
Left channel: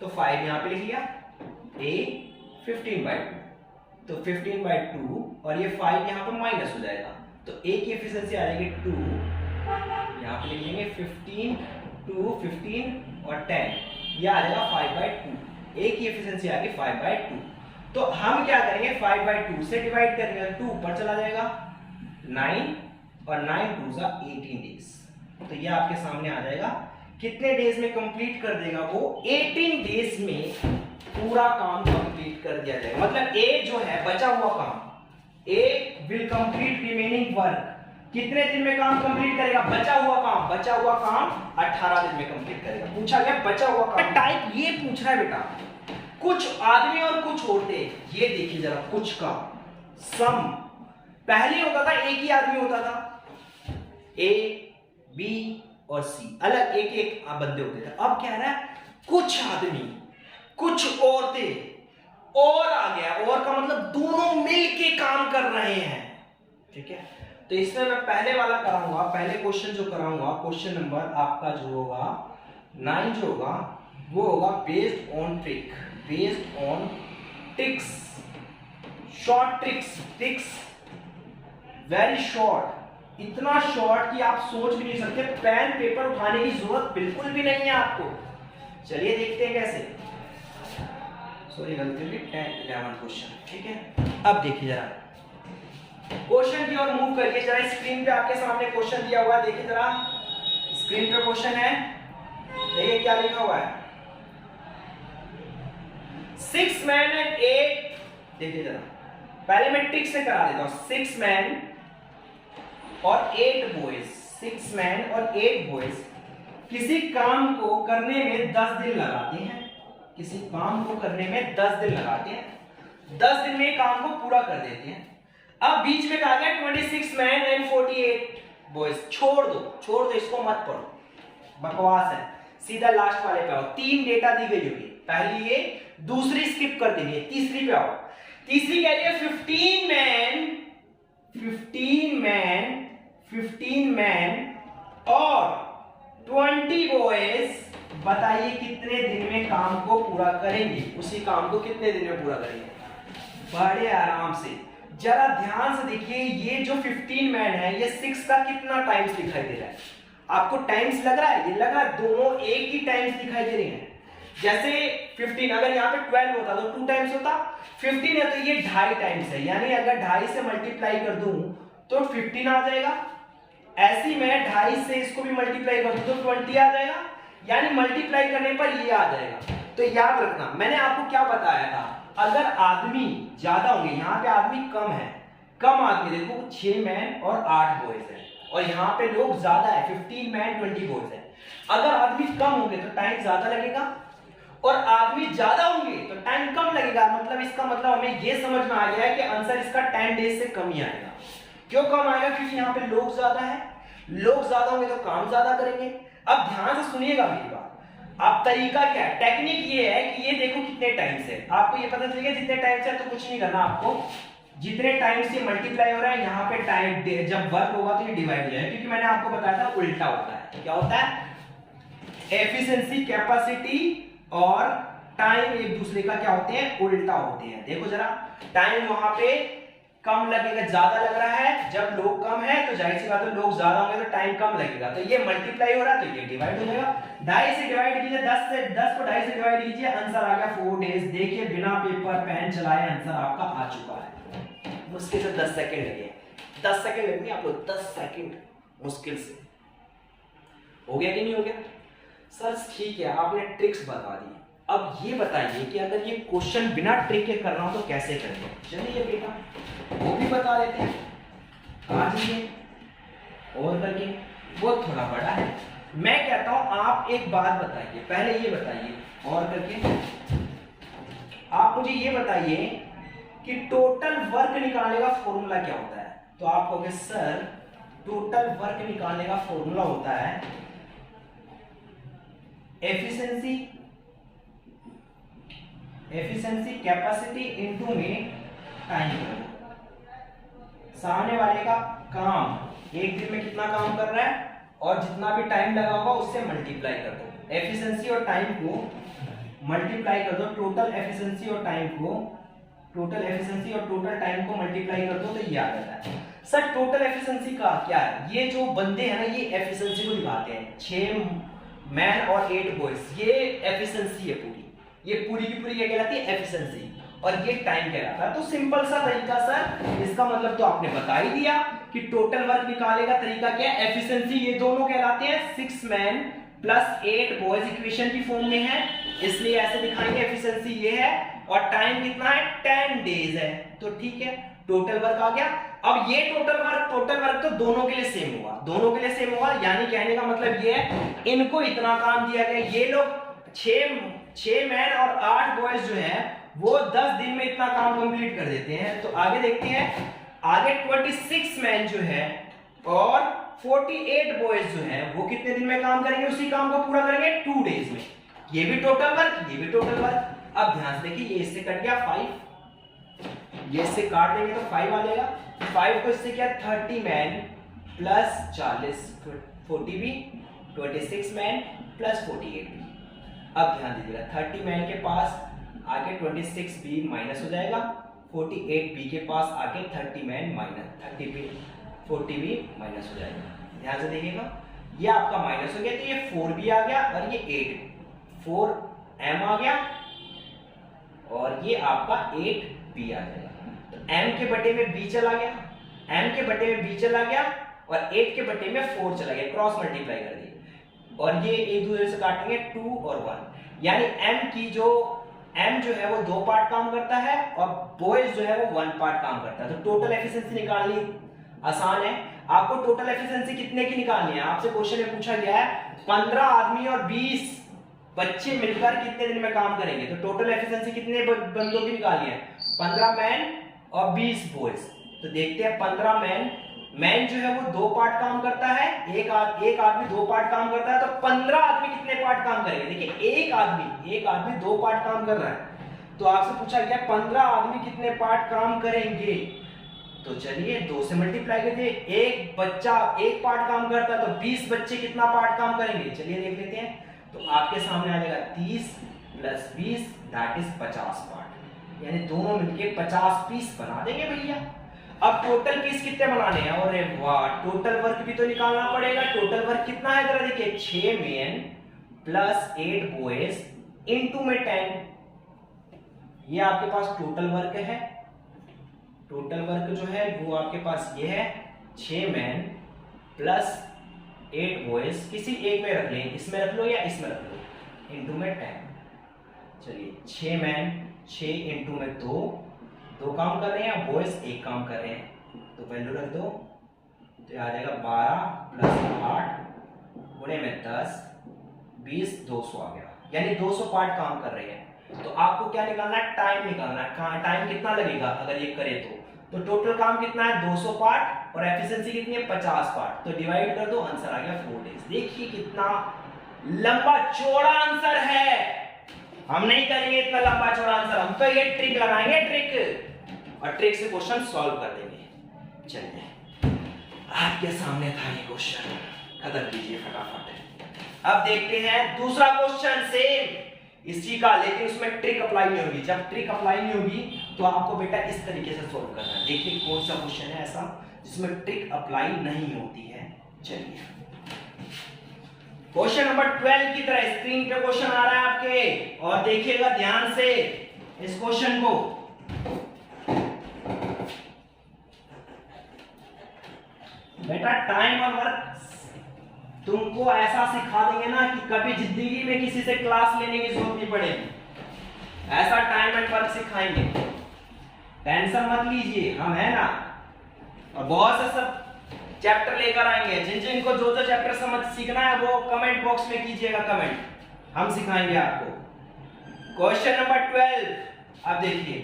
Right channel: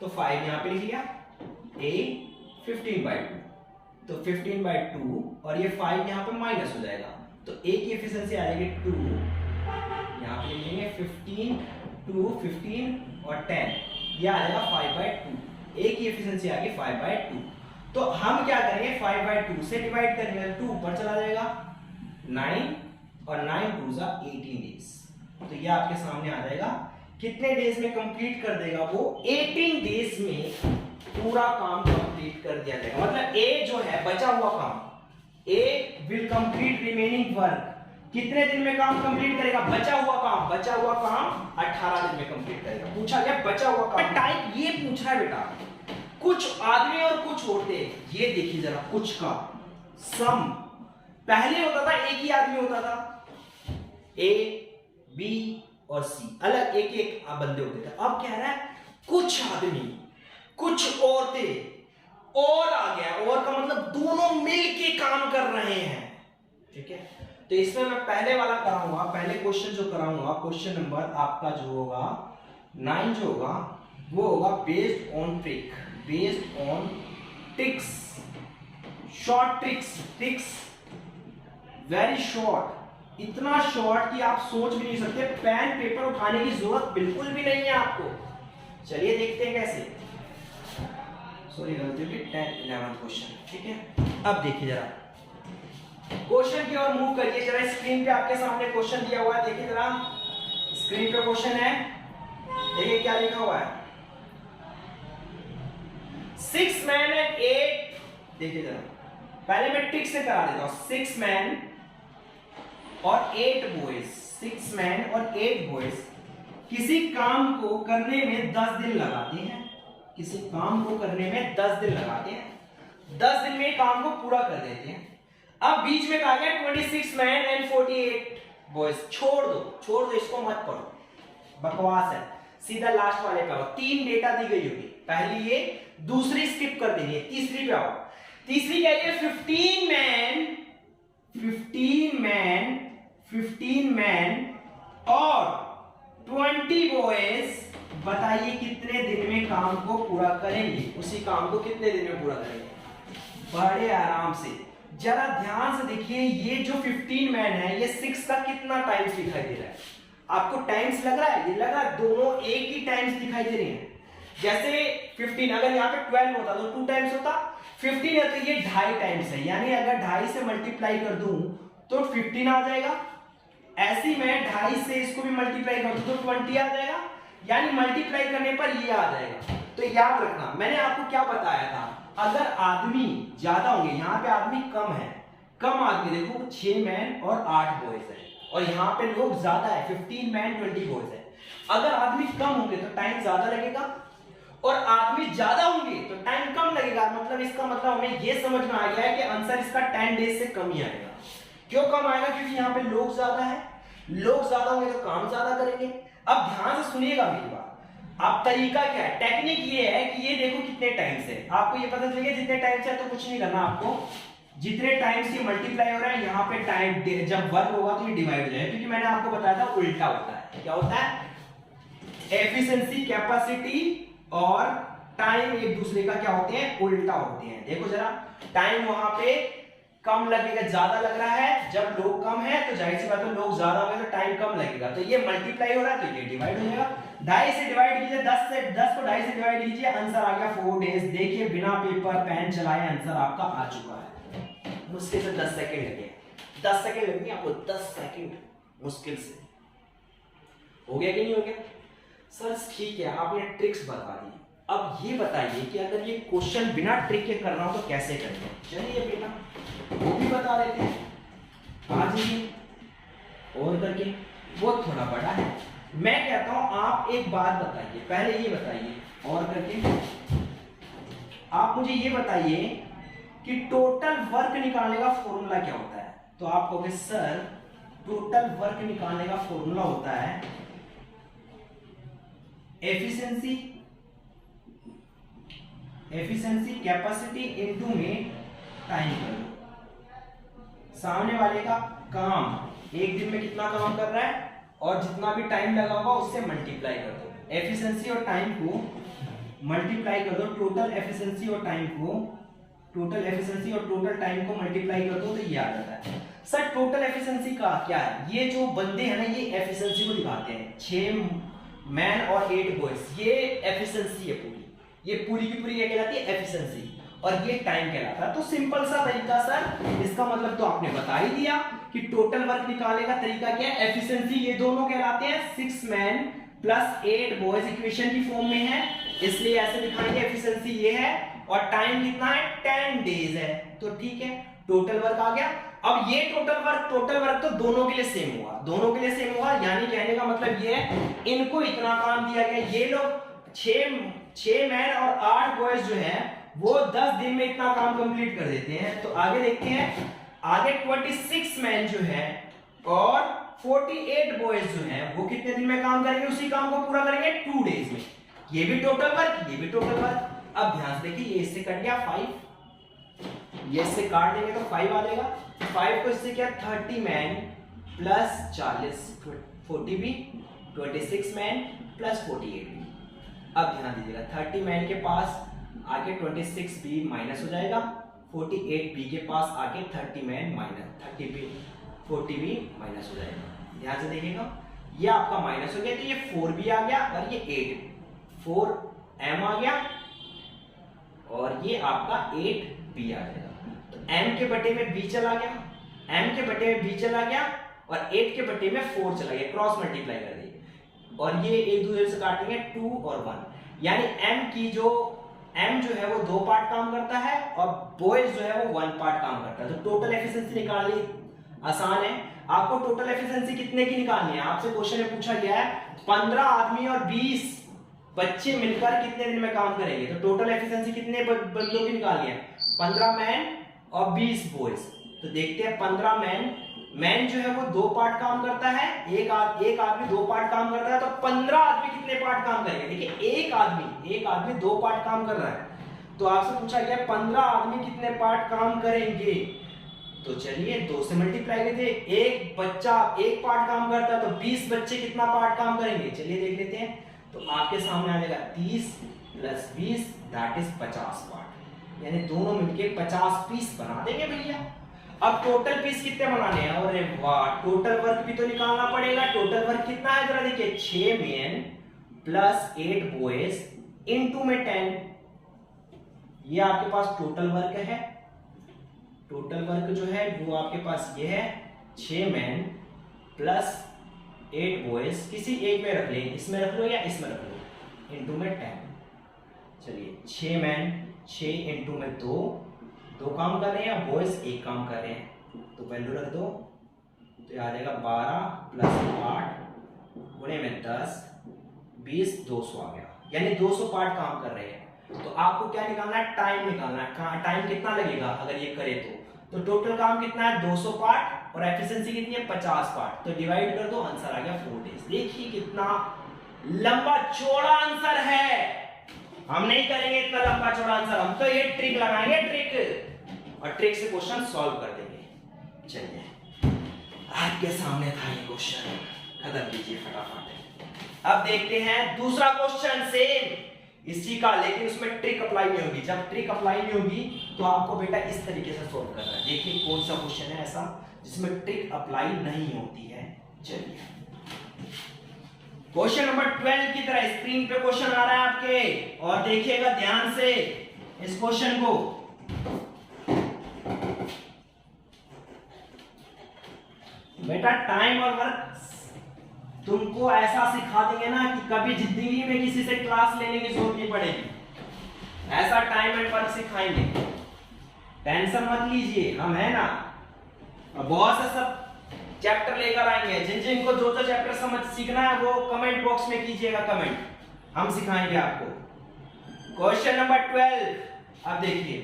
तो 5 यहां पे लिख लिया, A 15/2, तो 15/2 और ये 5 यहां पे माइनस हो जाएगा, तो A की एफिशिएंसी आ जाएगी 2, यहां पे लिख लेंगे 15 2 15 और 10, ये आ जाएगा 5/2। A की एफिशिएंसी आ गई 5/2, तो हम क्या करेंगे 5/2 से डिवाइड करेंगे, 2 ऊपर चला जाएगा, 9 और 9 2 जा 18 डेज, तो ये आपके सामने आ जाएगा। कितने डेज में कंप्लीट कर देगा वो, 18 डेज में पूरा काम कंप्लीट कर दिया जाएगा। मतलब A जो है बचा हुआ काम, A will complete remaining work, कितने दिन में काम कंप्लीट करेगा, बचा हुआ काम 18 दिन में कंप्लीट करेगा। पूछा गया बचा हुआ काम, टाइप ये पूछ रहा है बेटा, कुछ आदमी और कुछ औरतें, ये देखिए जरा, कुछ का सम पहले होता था एक ही आदमी होता था, A B और C अलग एक एक बंदे होते थे, अब क्या रहा है कुछ आदमी कुछ औरतें, और आ गया, और का मतलब दोनों मिलके काम कर रहे हैं। ठीक है, तो इसमें मैं पहले वाला कराऊंगा, पहले क्वेश्चन जो कराऊंगा, क्वेश्चन नंबर आपका जो होगा 9 जो होगा वो होगा based on tricks, short tricks, very short, इतना शॉर्ट कि आप सोच भी नहीं सकते, पेन पेपर उठाने की जरूरत बिल्कुल भी नहीं है आपको। चलिए देखते हैं कैसे, सॉरी गलती होगी, 10-11 क्वेश्चन। ठीक है, अब देखिए जरा क्वेश्चन की ओर मूव करिए जरा, स्क्रीन पे आपके सामने क्वेश्चन दिया हुआ है, देखिए जरा स्क्रीन पे क्वेश्चन है, देखिए क्या लिखा हुआ है, 6 men and 8, देखिए जरा पहले मैं ट्रिक से करा देता हूं, 6 men और 8 boys, 6 men और 8 boys किसी काम को करने में 10 दिन लगाते हैं, किसी काम को करने में 10 दिन लगाते हैं, 10 दिन में काम को पूरा कर देते हैं। अब बीच में कहा गया 26 मैन एंड 48 बॉयज। छोड़ दो इसको मत पढ़ो, बकवास है। सीधा लास्ट वाले पे आओ। 3 डेटा दी गई होगी, पहली ये, दूसरी स्किप कर देनी है, तीसरी पे आओ। तीसरी कह रही है 15 मैन और 20 बॉयज। बताइए कितने दिन में काम को पूरा करेंगे, उसी काम को कितने दिन में पूरा करेंगे? बड़े आराम से, जरा ध्यान से देखिए। ये जो 15 मैन है, ये 6 का कितना टाइम्स दिखाई दे रहा है? आपको टाइम्स लग रहा है? ये लगा दोनों एक ही टाइम्स दिखाई दे रहे हैं। जैसे 15 अगर यहाँ पे 12 होता तो 2 टाइम्स होता, 15 है तो ये 2.5 टाइम्स है, यानी अगर 2.5 से मल्टीप्लाई कर दूं तो 15 आ जाएगा। ऐसी मैं 2.5 से इसको भी मल्टीप्लाई कर दूं तो 20 आ जाएगा, यानी मल्टीप्लाई करने पर ये आ जाएगा। तो याद रखना, मैंने आपको क्या बताया था, अगर आदमी ज्यादा होंगे, यहाँ पे आदमी कम है, कम आदमी देखो 6 मैन और 8 बॉयज है, और यहाँ पे लोग ज्यादा है 15 मैन 20 बॉयज है। अगर आदमी कम होंगे तो टाइम ज्यादा लगेगा, और आदमी ज्यादा होंगे तो टाइम कम लगेगा। मतलब इसका मतलब हमें ये समझ में आ गया है कि आंसर इसका 10 डेज से कम ही आएगा। क्यों कम आएगा? क्योंकि यहाँ पे लोग ज्यादा है, लोग ज्यादा होंगे तो काम ज्यादा करेंगे। अब ध्यान से सुनिएगा मेरी बात। अब तरीका क्या है, टेक्निक ये है कि ये देखो कितने टाइम से, आपको ये पता चलेगा जितने टाइम से, तो कुछ नहीं करना आपको, जितने टाइम से मल्टीप्लाई हो रहा है यहाँ पे टाइम, जब वर्क होगा तो ये डिवाइड हो जाएगा। क्योंकि मैंने आपको बताया था उल्टा होता है। क्या होता है? एफिशिएंसी, कैपेसिटी और टाइम एक दूसरे का क्या होते हैं? उल्टा होते हैं। देखो जरा, टाइम वहां पे कम लगेगा, ज्यादा लग रहा है, जब लोग कम है तो जाहिर सी बात है लोग ज्यादा होंगे तो टाइम कम लगेगा। तो ये मल्टीप्लाई हो रहा है तो ये डिवाइड हो जाएगा। 2.5 से डिवाइड कीजिए, 10 को 2.5 से डिवाइड कीजिए, आंसर आ गया 4 डेज। देखिए बिना पेपर पेन चलाए आंसर आपका आ चुका है। मुश्किल से 10 सेकंड लगे, 10 सेकंड लगेंगे आपको, 10 सेकंड मुश्किल से। हो गया कि नहीं हो गया? सर ठीक है, आपने ट्रिक्स बता दी। अब ये बताइए कि अगर ये क्वेश्चन बिना ट्रिक के करना हो तो कैसे करेंगे? चलिए बेटा वो भी बता देते हैं, आ जाइए और करके। वो थोड़ा बड़ा है, मैं कहता हूं आप एक बात बताइए, पहले ये बताइए और करके आप मुझे ये बताइए कि टोटल वर्क निकालने का फॉर्मूला क्या होता है? तो आप कहोगे सर टोटल वर्क निकालने का फॉर्मूला होता है एफिशिएंसी कैपेसिटी इनटू में टाइम कर दो। सामने वाले का काम एक दिन में कितना काम कर रहा है और जितना भी टाइम लगा होगा उससे मल्टीप्लाई कर दो। एफिशिएंसी और टाइम को मल्टीप्लाई कर दो, टोटल एफिशिएंसी और टाइम को, टोटल एफिशिएंसी और टोटल टाइम को मल्टीप्लाई कर दो तो ये आ जाता है। सर टोटल एफिशिएंसी का क्या है? ये जो बंदे हैं ना ये एफिशिएंसी को दिखाते हैं, 6 मैन और 8 बॉयज, ये एफिशिएंसी है पूरी, ये पूरी की पूरी ये कहलाती है एफिशिएंसी, और ये टाइम कहलाता है। तो सिंपल सा तरीका सर, इसका मतलब तो आपने बता ही दिया कि टोटल वर्क निकालने का तरीका क्या है, एफिशिएंसी, ये दोनों कहलाते हैं 6 मैन प्लस 8 बॉयज, इक्वेशन की फॉर्म में है इसलिए ऐसे दिखाएंगे। एफिशिएंसी ये है और टाइम कितना है? 10 डेज है। तो ठीक है, टोटल वर्क आ गया। अब ये टोटल वर्क तो दोनों के लिए सेम होगा, दोनों के लिए सेम होगा, यानी कहने का मतलब ये है इनको इतना काम दिया गया, ये लोग 6 मैन और 8 बॉयज जो है वो 10 दिन में इतना काम कंप्लीट कर देते हैं। तो आगे देखते हैं, आगे 26 मैन जो है और 48 बॉयज जो है वो कितने दिन में काम करेंगे? उसी काम को पूरा करेंगे 2 डेज में। ये भी टोटल वर्क, ये भी टोटल वर्क। अब ध्यान से देखिए, ये इससे कट गया 5, ये इससे काट देंगे तो 5 आ जाएगा। 5 को इससे क्या, 30 मैन प्लस 40 40 भी, 26 मैन प्लस 48 भी। अब ध्यान दीजिएगा, 30 मैन के पास आगे 26 बी माइनस हो जाएगा, 48 बी के पास आगे 30 man minus 30 B 40 B minus हो जाएगा। ध्यान से देखिएगा, ये आपका माइनस हो गया तो ये 4 बी आ गया और ये 4 एम आ गया और ये आपका 8 बी आ जाएगा। तो m के बटे में b चला गया, m के बटे में b चला गया और 8 के बटे में 4 चला गया, क्रॉस मल्टीप्लाई कर दिए और ये एक दूसरे से काटेंगे 2 और 1, यानी m जो है वो 2 पार्ट काम करता है और बॉयज जो है वो 1 पार्ट काम करता है। तो टोटल एफिशिएंसी निकालनी आसान है। आपको टोटल एफिशिएंसी कितने की निकालनी है? आपसे क्वेश्चन में पूछा गया है 15 आदमी और 20 बच्चे मिलकर कितने दिन में काम करेंगे, तो टोटल एफिशिएंसी कितने बंदों की निकाली है, 15 मैन और 20 बॉयज। तो देखते हैं 15 मैन जो है वो 2 पार्ट काम करता है, एक आदमी 2 पार्ट काम करता है, तो 15 आदमी कितने पार्ट काम करेंगे। देखिए एक आदमी 2 पार्ट काम कर रहा है, तो आपसे पूछा गया 15 आदमी कितने पार्ट काम करेंगे। तो चलिए 2 से मल्टीप्लाई करते हैं, एक बच्चा 1 पार्ट काम करता है, तो 20 बच्चे कितना पार्ट काम करेंगे, चलिए देख लेते हैं। तो आपके सामने आ जाएगा 30 + 20 दैट इज 50 पार्ट, यानी दोनों मिलके 50 पीस बना देंगे भैया। अब टोटल पीस कितने बनाने हैं, अरे वाह, टोटल वर्क भी तो निकालना पड़ेगा। टोटल वर्क कितना है जरा देखिए, 6 मेन + 8 बॉयज इनटू में 10, ये आपके पास टोटल वर्क है। टोटल वर्क जो है वो आपके पास ये है, 6 मैन + 8 बॉयज, किसी एक में रख लें, इसमें रख लो या इसमें रख लो, इनटू में 10। चलिए 6 मैन 6 इनटू में 2 काम कर रहे हैं, बॉयज 1 काम कर रहे हैं, तो वैल्यू रख दो, तो आ जाएगा 12 + 8 गुणे में 10 20 200 आ गया, यानी 200 पार्ट काम कर रहे हैं। तो आपको क्या निकालना है, टाइम निकालना है, टाइम कितना लगेगा अगर ये करे तो टोटल काम कितना है 200 पार्ट और एफिशिएंसी कितनी है 50 पार्ट, तो डिवाइड कर दो, आंसर आ गया 4 डेज। देखिए कितना लंबा चौड़ा आंसर है, हम नहीं करेंगे इतना लंबा चौड़ा आंसर, हम तो ये ट्रिक लगाएंगे, ट्रिक, और ट्रिक से क्वेश्चन सॉल्व कर देंगे। चलिए आपके सामने था ये क्वेश्चन, खत्म कीजिए फटाफट। अब देखते हैं दूसरा क्वेश्चन सेम इसी का, लेकिन उसमें ट्रिक अप्लाई नहीं होगी। जब ट्रिक अप्लाई नहीं होगी तो आपको बेटा इस तरीके से सोल्व करना है। देखिए कौन सा क्वेश्चन है ऐसा जिसमें ट्रिक अप्लाई नहीं होती है। चलिए क्वेश्चन नंबर 12 की तरह स्क्रीन पे क्वेश्चन आ रहा है आपके, और देखिएगा ध्यान से इस क्वेश्चन को। बेटा टाइम और वर्क तुमको ऐसा सिखा देंगे ना कि कभी जिंदगी में किसी से क्लास लेने की जरूरत नहीं पड़ेगी, ऐसा टाइम एंड वर्क सिखाएंगे, टेंशन मत लीजिए, हम है ना। और बहुत से सब चैप्टर लेकर आएंगे, जिनको जो चैप्टर समझ सीखना है वो कमेंट बॉक्स में कीजिएगा कमेंट, हम सिखाएंगे आपको। क्वेश्चन नंबर 12, अब देखिए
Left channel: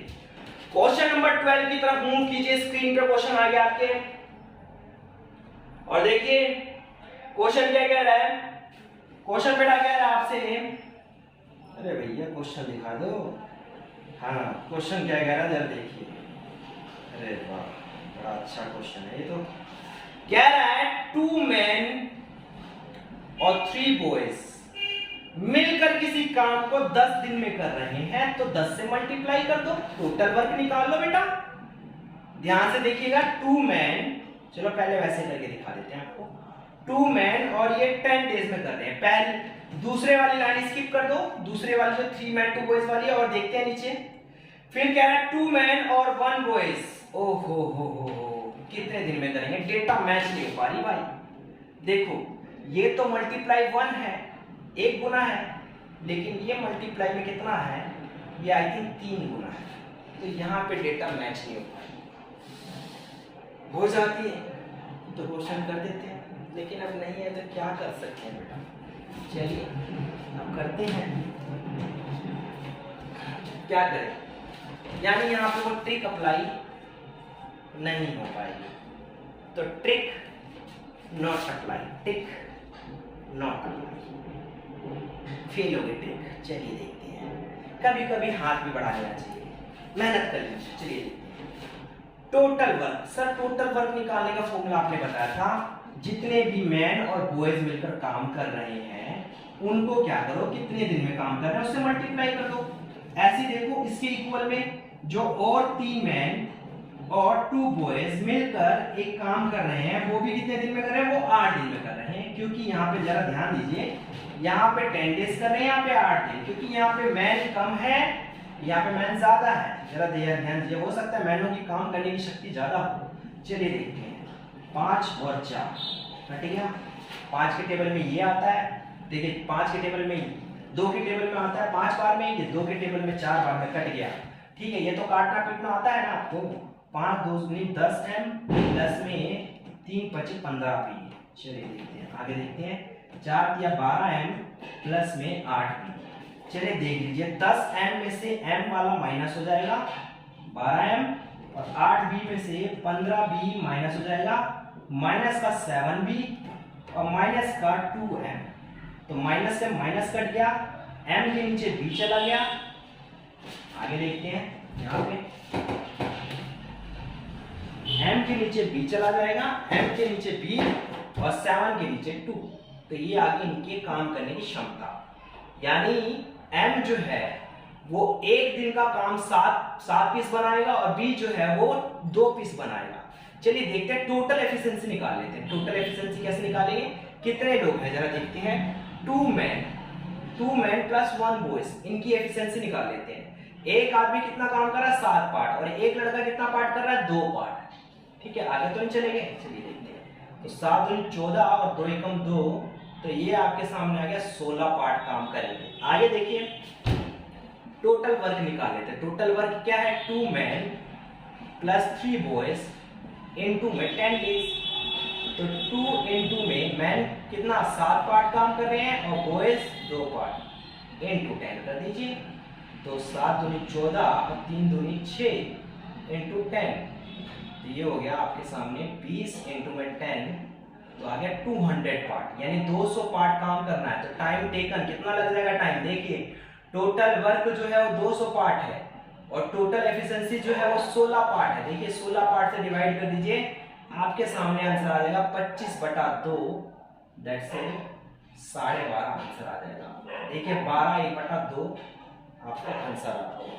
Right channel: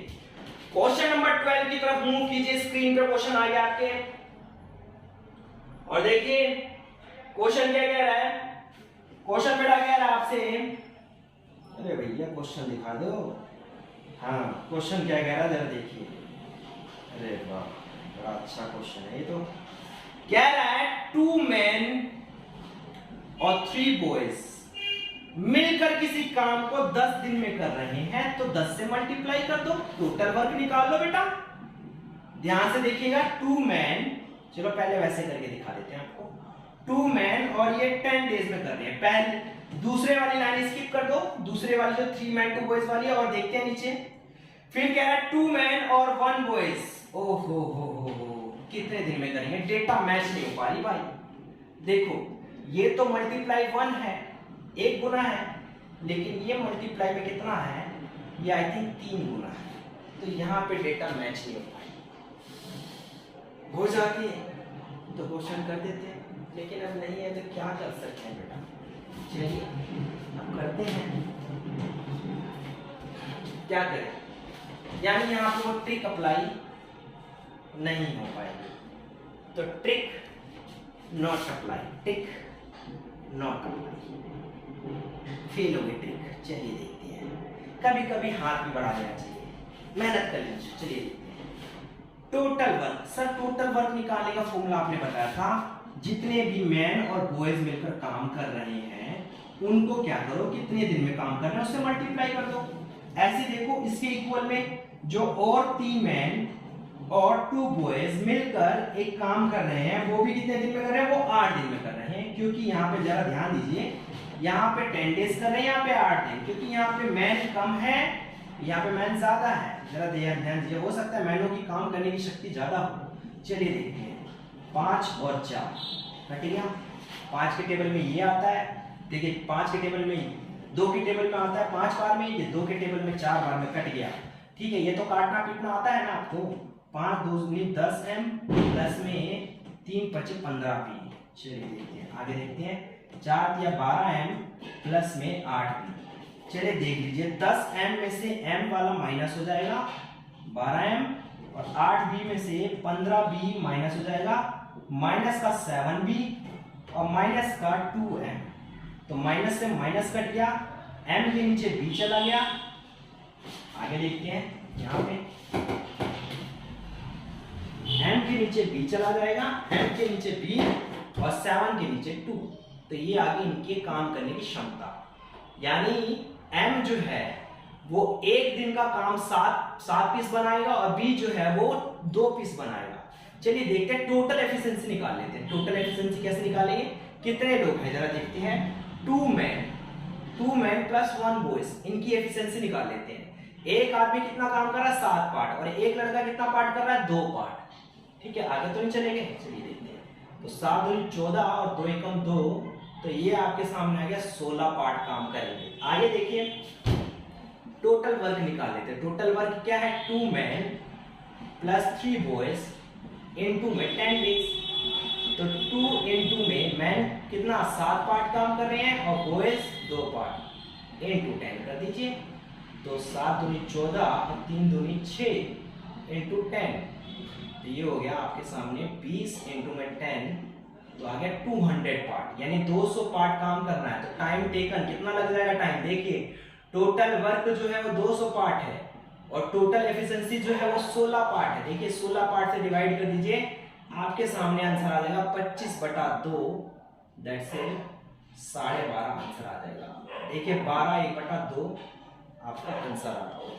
क्वेश्चन नंबर 12 की तरफ मूव कीजिए, स्क्रीन पे क्वेश्चन आ गया आपके, और देखिए क्वेश्चन क्या कह रहा है। क्वेश्चन बेटा कह रहा है आपसे, अरे भैया क्वेश्चन दिखा दो, हाँ क्वेश्चन क्या कह रहा है जरा देखिए। अरे वाह बड़ा अच्छा क्वेश्चन है ये, तो कह रहा है 2 मैन और 3 बॉयज मिलकर किसी काम को 10 दिन में कर रहे हैं, तो 10 से मल्टीप्लाई कर दो, टोटल वर्क निकाल लो बेटा। ध्यान से देखिएगा 2 मैन, चलो पहले वैसे करके दिखा देते हैं आपको, 2 मैन और ये 10 डेज में कर रहे हैं। पहले दूसरे वाली लाइन स्किप कर दो, दूसरे वाली जो 3 मैन 2 बॉयज वाली है, और देखते हैं नीचे। फिर कह रहा है 2 मैन और 1 बॉयज, ओहो हो कितने दिन में करेंगे, डेटा मैच नहीं हो पा रही भाई। देखो ये तो मल्टीप्लाई 1 है, 1 गुना है, लेकिन ये मल्टीप्लाई में कितना है, ये आई थिंक 3 गुना है, तो यहाँ पे डेटा मैच नहीं हो पाई, हो जाती है तो क्वेश्चन कर देते हैं, लेकिन अब नहीं है तो क्या कर सकते हैं बेटा। चलिए अब करते हैं, क्या करें, यानी यहाँ पे वो ट्रिक अप्लाई नहीं हो पाएगी, तो trick not apply, trick not apply, fail हो गई ट्रिक। चलिए देखते हैं, कभी कभी हाथ भी बढ़ा लेना चाहिए, मेहनत कर लीजिए। चलिए total work, sir total work निकालने का फॉर्मूला आपने बताया था, जितने भी मैन और बॉयज मिलकर काम कर रहे हैं उनको क्या करो, कितने दिन में काम कर रहे हैं उससे मल्टीप्लाई कर दो। ऐसे देखो इसके इक्वल में जो और 3 मैन और 2 बॉयज मिलकर एक काम कर रहे हैं, वो भी कितने दिन में कर रहे हैं, वो 8 दिन में कर रहे हैं, क्योंकि यहाँ पे जरा ध्यान दीजिए, यहाँ पे 10 डेज कर रहे हैं, यहाँ पे 8 दिन, क्योंकि यहाँ पे मैन कम है, यहाँ पे मैन ज्यादा है, जरा ध्यान दीजिए, हो सकता है मैनों की काम करने की शक्ति ज्यादा हो। चलिए देखते हैं, 5 और 4 कट गया, 5 के टेबल में ये आता है, देखिए 5 के टेबल में 2 के टेबल में आता है 5 बार में, ये 2 के टेबल में 4 बार में कट गया। ठीक है, ये तो काटना पीटना आता है ना आपको। 5 2 10 m, 10 में 3 25 15 पी। चलिए देखते हैं, आगे देखते हैं, 4 दिया 12m प्लस में 8b। चलिए देख लीजिए 10m में से m वाला माइनस हो जाएगा 12m, और 8b में से 15b माइनस हो जाएगा, माइनस का 7b और माइनस का 2m। तो माइनस से माइनस कट गया, m के नीचे b चला गया। आगे देखते हैं यहाँ पे m के नीचे b चला जाएगा, m के नीचे b और 7 के नीचे 2। तो ये आगे इनके काम करने की क्षमता, यानी m जो है वो एक दिन का काम 7 पीस बनाएगा और b जो है वो 2 पीस बनाएगा। चलिए देखते हैं टोटल एफिशिएंसी निकाल लेते हैं। टोटल एफिशिएंसी कैसे निकालेंगे, कितने लोग हैं जरा देखते हैं। 2 मैन प्लस 1 बॉयज, इनकी एफिशिएंसी निकाल लेते हैं। एक आदमी कितना काम कर रहा है 7 पार्ट, और एक लड़का कितना पार्ट कर रहा है 2 पार्ट। ठीक है, आगे तो नहीं चलेंगे, चलिए देखते हैं। तो 7 दूनी 14 और 2 एकम 2, तो ये आपके सामने आ गया 16 पार्ट काम करेंगे। आगे देखिए टोटल वर्क निकाल लेते हैं। टोटल वर्क क्या है, 2 मैन प्लस 3 बॉयज इनटू में 10 डेज। तो 2 इनटू में मैन कितना 7 पार्ट काम कर रहे हैं और बॉयज 2 पार्ट, इनटू 10 कर दीजिए। तो 7 दूनी 14 और 3 दूनी 6 इनटू 10, तो ये हो गया आपके सामने 20 इनटू में 10, तो आ गया 200 पार्ट, यानी 200 पार्ट काम करना है। तो टाइम टेकन कितना लग जाएगा, टाइम देखिए टोटल वर्क जो है वो 200 पार्ट है और टोटल एफिशिएंसी जो है वो 16 पार्ट है। देखिए 16 पार्ट से डिवाइड कर दीजिए, आपके सामने आंसर आ जाएगा 25/2, दैट्स 12.5 आंसर आ जाएगा। देखिए 12/2 आपका आंसर आ रहा होगा।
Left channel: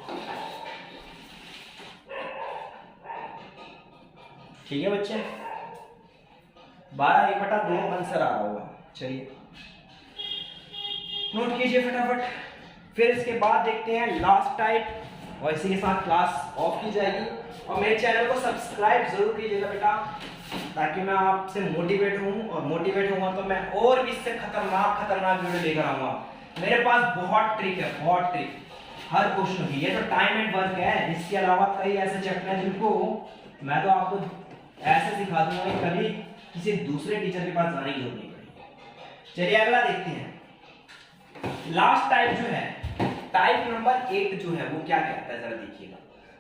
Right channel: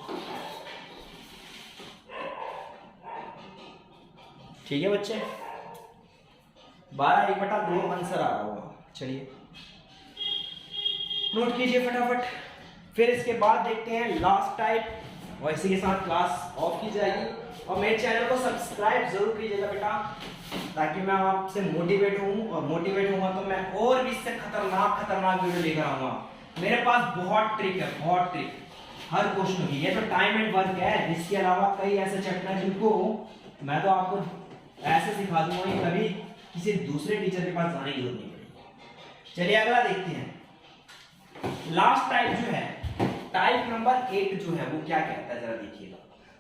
ठीक है बच्चे, 12/2 आंसर आ रहा होगा। चलिए नोट कीजिए फटाफट। फिर इसके बाद देखते हैं लास्ट टाइप, और इसी के साथ क्लास ऑफ की जाएगी। और मेरे चैनल को सब्सक्राइब जरूर कीजिएगा बेटा, ताकि मैं आपसे मोटिवेट हूँ, और मोटिवेट होगा तो मैं और भी इससे खतरनाक वीडियो लेकर आऊंगा। मेरे पास बहुत ट्रिक है, बहुत ट्रिक हर क्वेश्चन की। ये तो टाइम एंड वर्क है, इसके अलावा कई ऐसे चैप्टर हैं जिनको मैं तो आपको ऐसे सिखा दूंगा कि कभी किसी दूसरे टीचर के पास जाने की जरूरत नहीं पड़ेगी। चलिए अगला देखते हैं। लास्ट टाइप जो है, टाइप नंबर 8 जो है वो क्या कहता है जरा देखिएगा।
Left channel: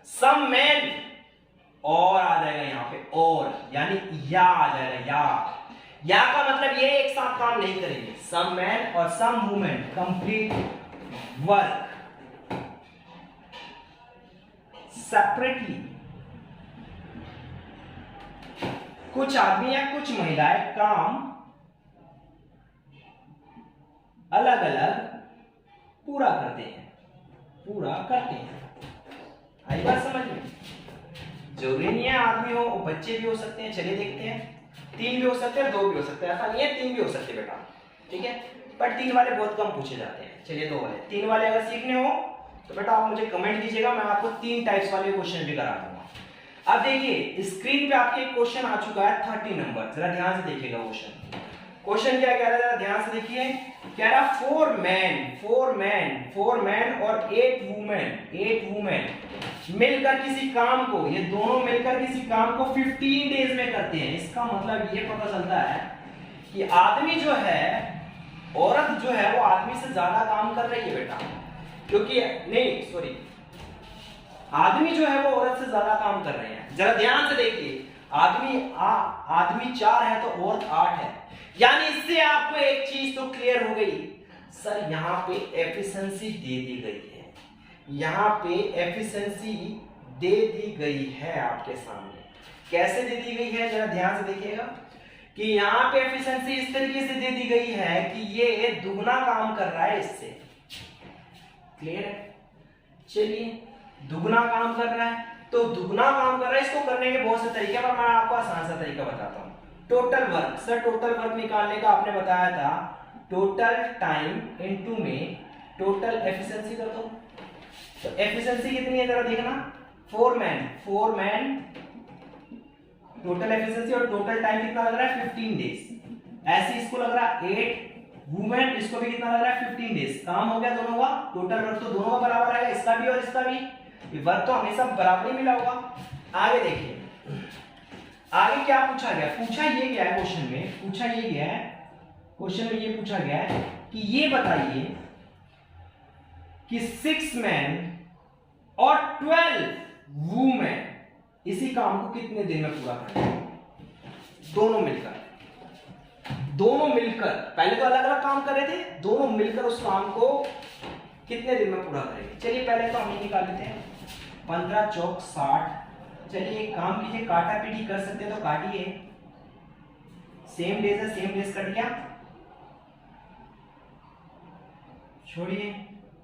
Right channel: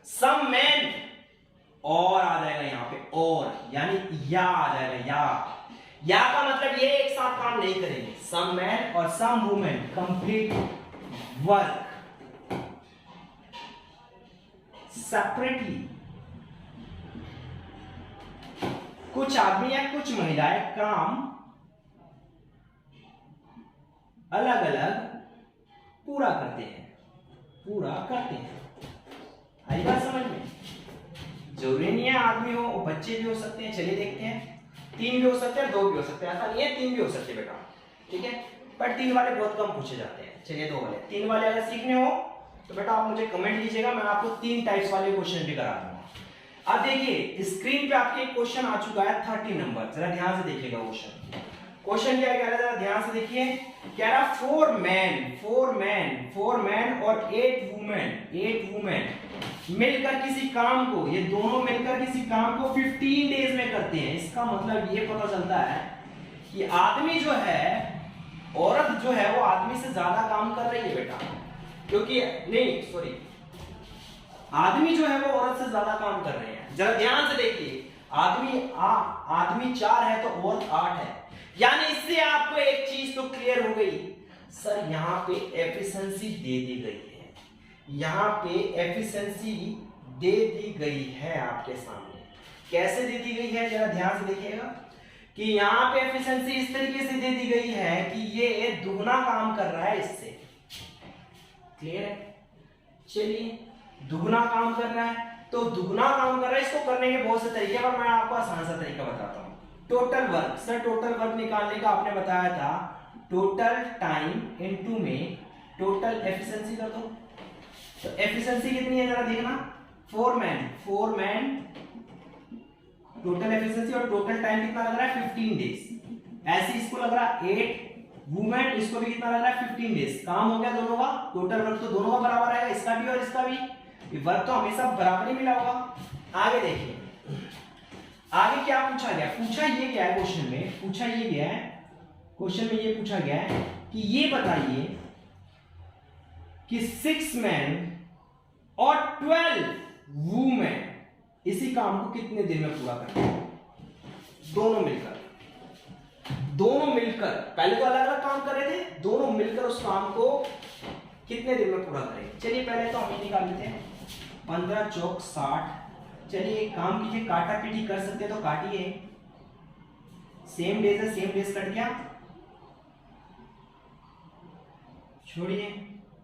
सम मैन, और आ जाएगा यहाँ पे, और यानी या आ जाएगा। या का मतलब ये एक साथ काम नहीं करेंगे। सम मैन और some women complete work separately. कुछ आदमी या कुछ महिलाएं काम अलग अलग पूरा करते हैं। आई बात समझ में? जरूरी नहीं है आदमी हो, बच्चे भी हो सकते हैं। चलिए देखते हैं, 3 भी हो सकते हैं, 2 भी हो सकते हैं। ऐसा नहीं है 3 भी हो सकते बेटा, ठीक है, पर 3 वाले बहुत कम पूछे जाते हैं। चलिए 2 वाले, 3 वाले अगर सीखने हो तो बेटा आप मुझे कमेंट कीजिएगा, मैं आपको 3 टाइप्स वाले क्वेश्चन भी करा दूंगा। अब देखिए स्क्रीन पे आपके क्वेश्चन आ चुका है 30 नंबर, जरा ध्यान से देखिएगा। क्वेश्चन क्या कह रहा है, जरा ध्यान से देखिए। कह रहा 4 मैन और 8 वुमेन मिलकर किसी काम को, ये दोनों मिलकर किसी काम को 15 डेज में करते हैं। इसका मतलब ये पता चलता है कि आदमी जो है, औरत जो है वो आदमी से ज्यादा काम कर रही है बेटा, क्योंकि नहीं सॉरी, आदमी जो है वो औरत से ज्यादा काम कर रहे हैं। जरा ध्यान से देखिए, आदमी 4 है तो औरत 8 है, यानी इससे आपको एक चीज तो क्लियर हो गई, सर यहाँ पे एफिशिएंसी दे दी गई है, यहाँ पे एफिशिएंसी दे दी गई है आपके सामने। कैसे दे दी गई है जरा ध्यान से देखिएगा, कि यहाँ पे एफिशिएंसी इस तरीके से दे दी गई है कि ये दुगना काम कर रहा है इससे। क्लियर है? चलिए दुगना काम कर रहा है, तो दुगना काम कर रहा है, इसको करने के बहुत से तरीके, पर मैं आपको आसान सा तरीका बताता हूँ। Total work, sir total work निकालने का आपने बताया था टोटल टाइम इनटू में टोटल एफिशिएंसी कर दो। तो एफिशिएंसी कितनी है जरा देखना, 4 मैन टोटल एफिशिएंसी, और टोटल टाइम कितना लग रहा है 15 डेज। ऐसे इसको लग रहा है 8 वुमेन, इसको भी कितना लग रहा है 15 डेज। काम हो गया दोनों का, टोटल वर्क तो दोनों का बराबर है, इसका भी और इसका भी, वर्क तो हमेशा बराबर ही मिला होगा। आगे देखिए, आगे क्या पूछा गया, पूछा ये गया है क्वेश्चन में, पूछा ये गया है क्वेश्चन में ये पूछा गया है कि ये बताइए कि 6 मैन और 12 वूमेन इसी काम को कितने दिन में पूरा करते हैं? दोनों मिलकर पहले तो अलग अलग काम कर रहे थे, दोनों मिलकर उस काम को कितने दिन में पूरा करेंगे? चलिए पहले तो हम ये निकाल लेते हैं। 15 चौक 60। चलिए एक काम कीजिए, काटा पीटी कर सकते हैं तो काटिए। सेम डेज है, सेम डेज कट गया, छोड़िए।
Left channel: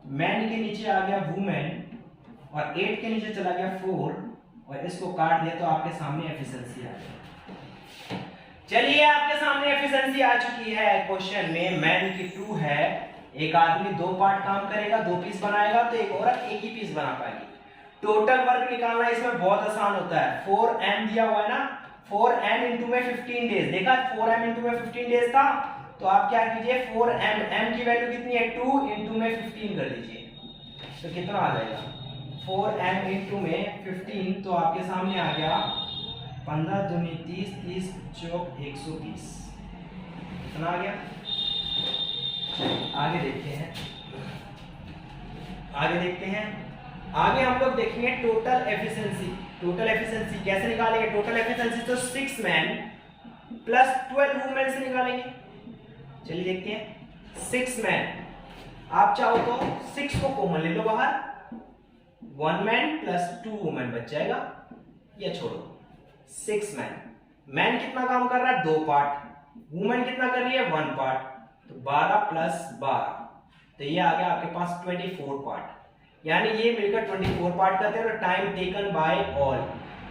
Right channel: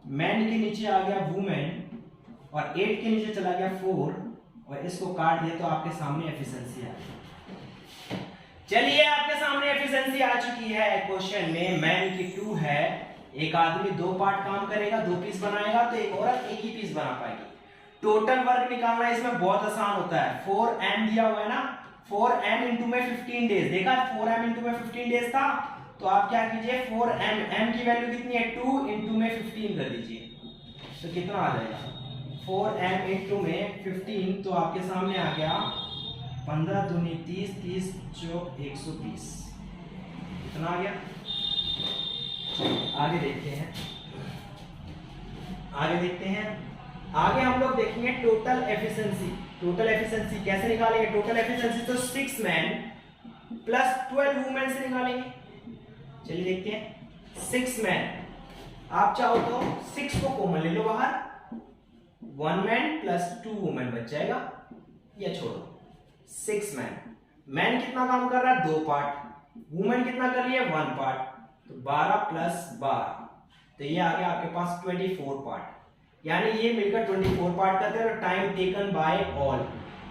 मैन के नीचे आ गया वुमेन और 8 के नीचे चला गया 4 और इसको काट दिया तो आपके सामने एफिशिएंसी आ गई। चलिए आपके सामने एफिशिएंसी आ चुकी है। क्वेश्चन में मैन की 2 है, एक आदमी 2 पार्ट काम करेगा, 2 पीस बनाएगा तो एक औरत एक ही पीस बना पाएगी। टोटल वर्क निकालना इसमें बहुत आसान होता है। 4m दिया हुआ है ना, 4m इंटू में 15 डेज, देखा 4m इंटू में 15 डेज था, तो आप क्या कीजिए 4m, m की वैल्यू कितनी है 2 इंटू में 15 कर दीजिए तो कितना आ जाएगा 4m इंटू में 15, तो आपके सामने आ गया 15 दूनी 30, 30 चौक 120, कितना आ गया। आगे देखते हैं, आगे हम लोग देखेंगे टोटल एफिशिएंसी। टोटल एफिशिएंसी कैसे निकालेंगे? टोटल एफिशिएंसी तो 6 मैन प्लस 12 वुमेन से निकालेंगे। चलिए देखते हैं। 6 मैन, आप चाहो तो 6 को कॉमन ले लो बाहर, 1 मैन प्लस 2 वुमेन बच जाएगा, या छोड़ो। 6 मैन, मैन कितना काम कर रहा है 2 पार्ट, वुमेन कितना कर रही है 1 पार्ट, तो 12 प्लस 12, तो ये आ गया आपके पास 24 पार्ट। यानी ये मिलकर 24 पार्ट करते हैं। टाइम टेकन बाय ऑल,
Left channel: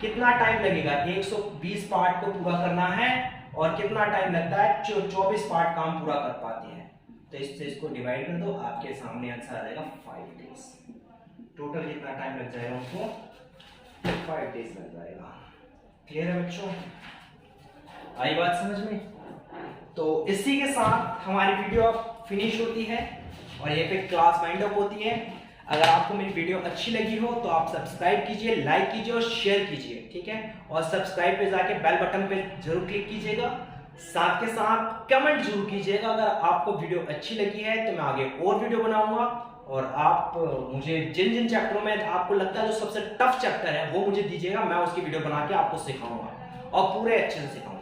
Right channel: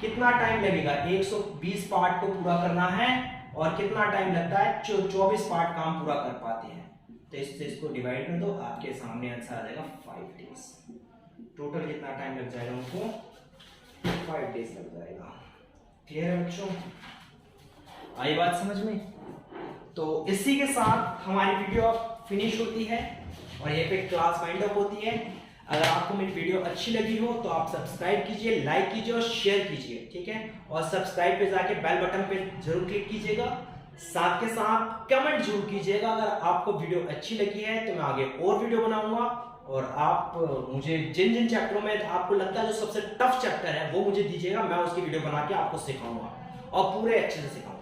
कितना टाइम लगेगा 120 पार्ट को पूरा करना है और कितना टाइम लगता है 24 पार्ट काम पूरा कर पाते हैं। तो इससे इसको डिवाइड कर दो, आपके सामने आंसर आ जाएगा 5 डेज। टोटल कितना टाइम लग जाएगा उनको 5 डेज लग जाएगा। क्लियर है बच्चों, आई बात समझ में? तो इसी के साथ हमारी वीडियो फिनिश होती है और ये पे क्लास वाइंड अप होती है। अगर आपको मेरी वीडियो अच्छी लगी हो तो आप सब्सक्राइब कीजिए, लाइक कीजिए और शेयर कीजिए, ठीक है। और सब्सक्राइब पे जाके बेल बटन पे जरूर क्लिक कीजिएगा, साथ के साथ कमेंट जरूर कीजिएगा। अगर आपको वीडियो अच्छी लगी है तो मैं आगे और वीडियो बनाऊंगा और आप मुझे जिन जिन चैप्टरों में आपको लगता है जो सबसे टफ चैप्टर है वो मुझे दीजिएगा, मैं उसकी वीडियो बना के आपको सिखाऊंगा और पूरे अच्छे से सिखाऊंगा।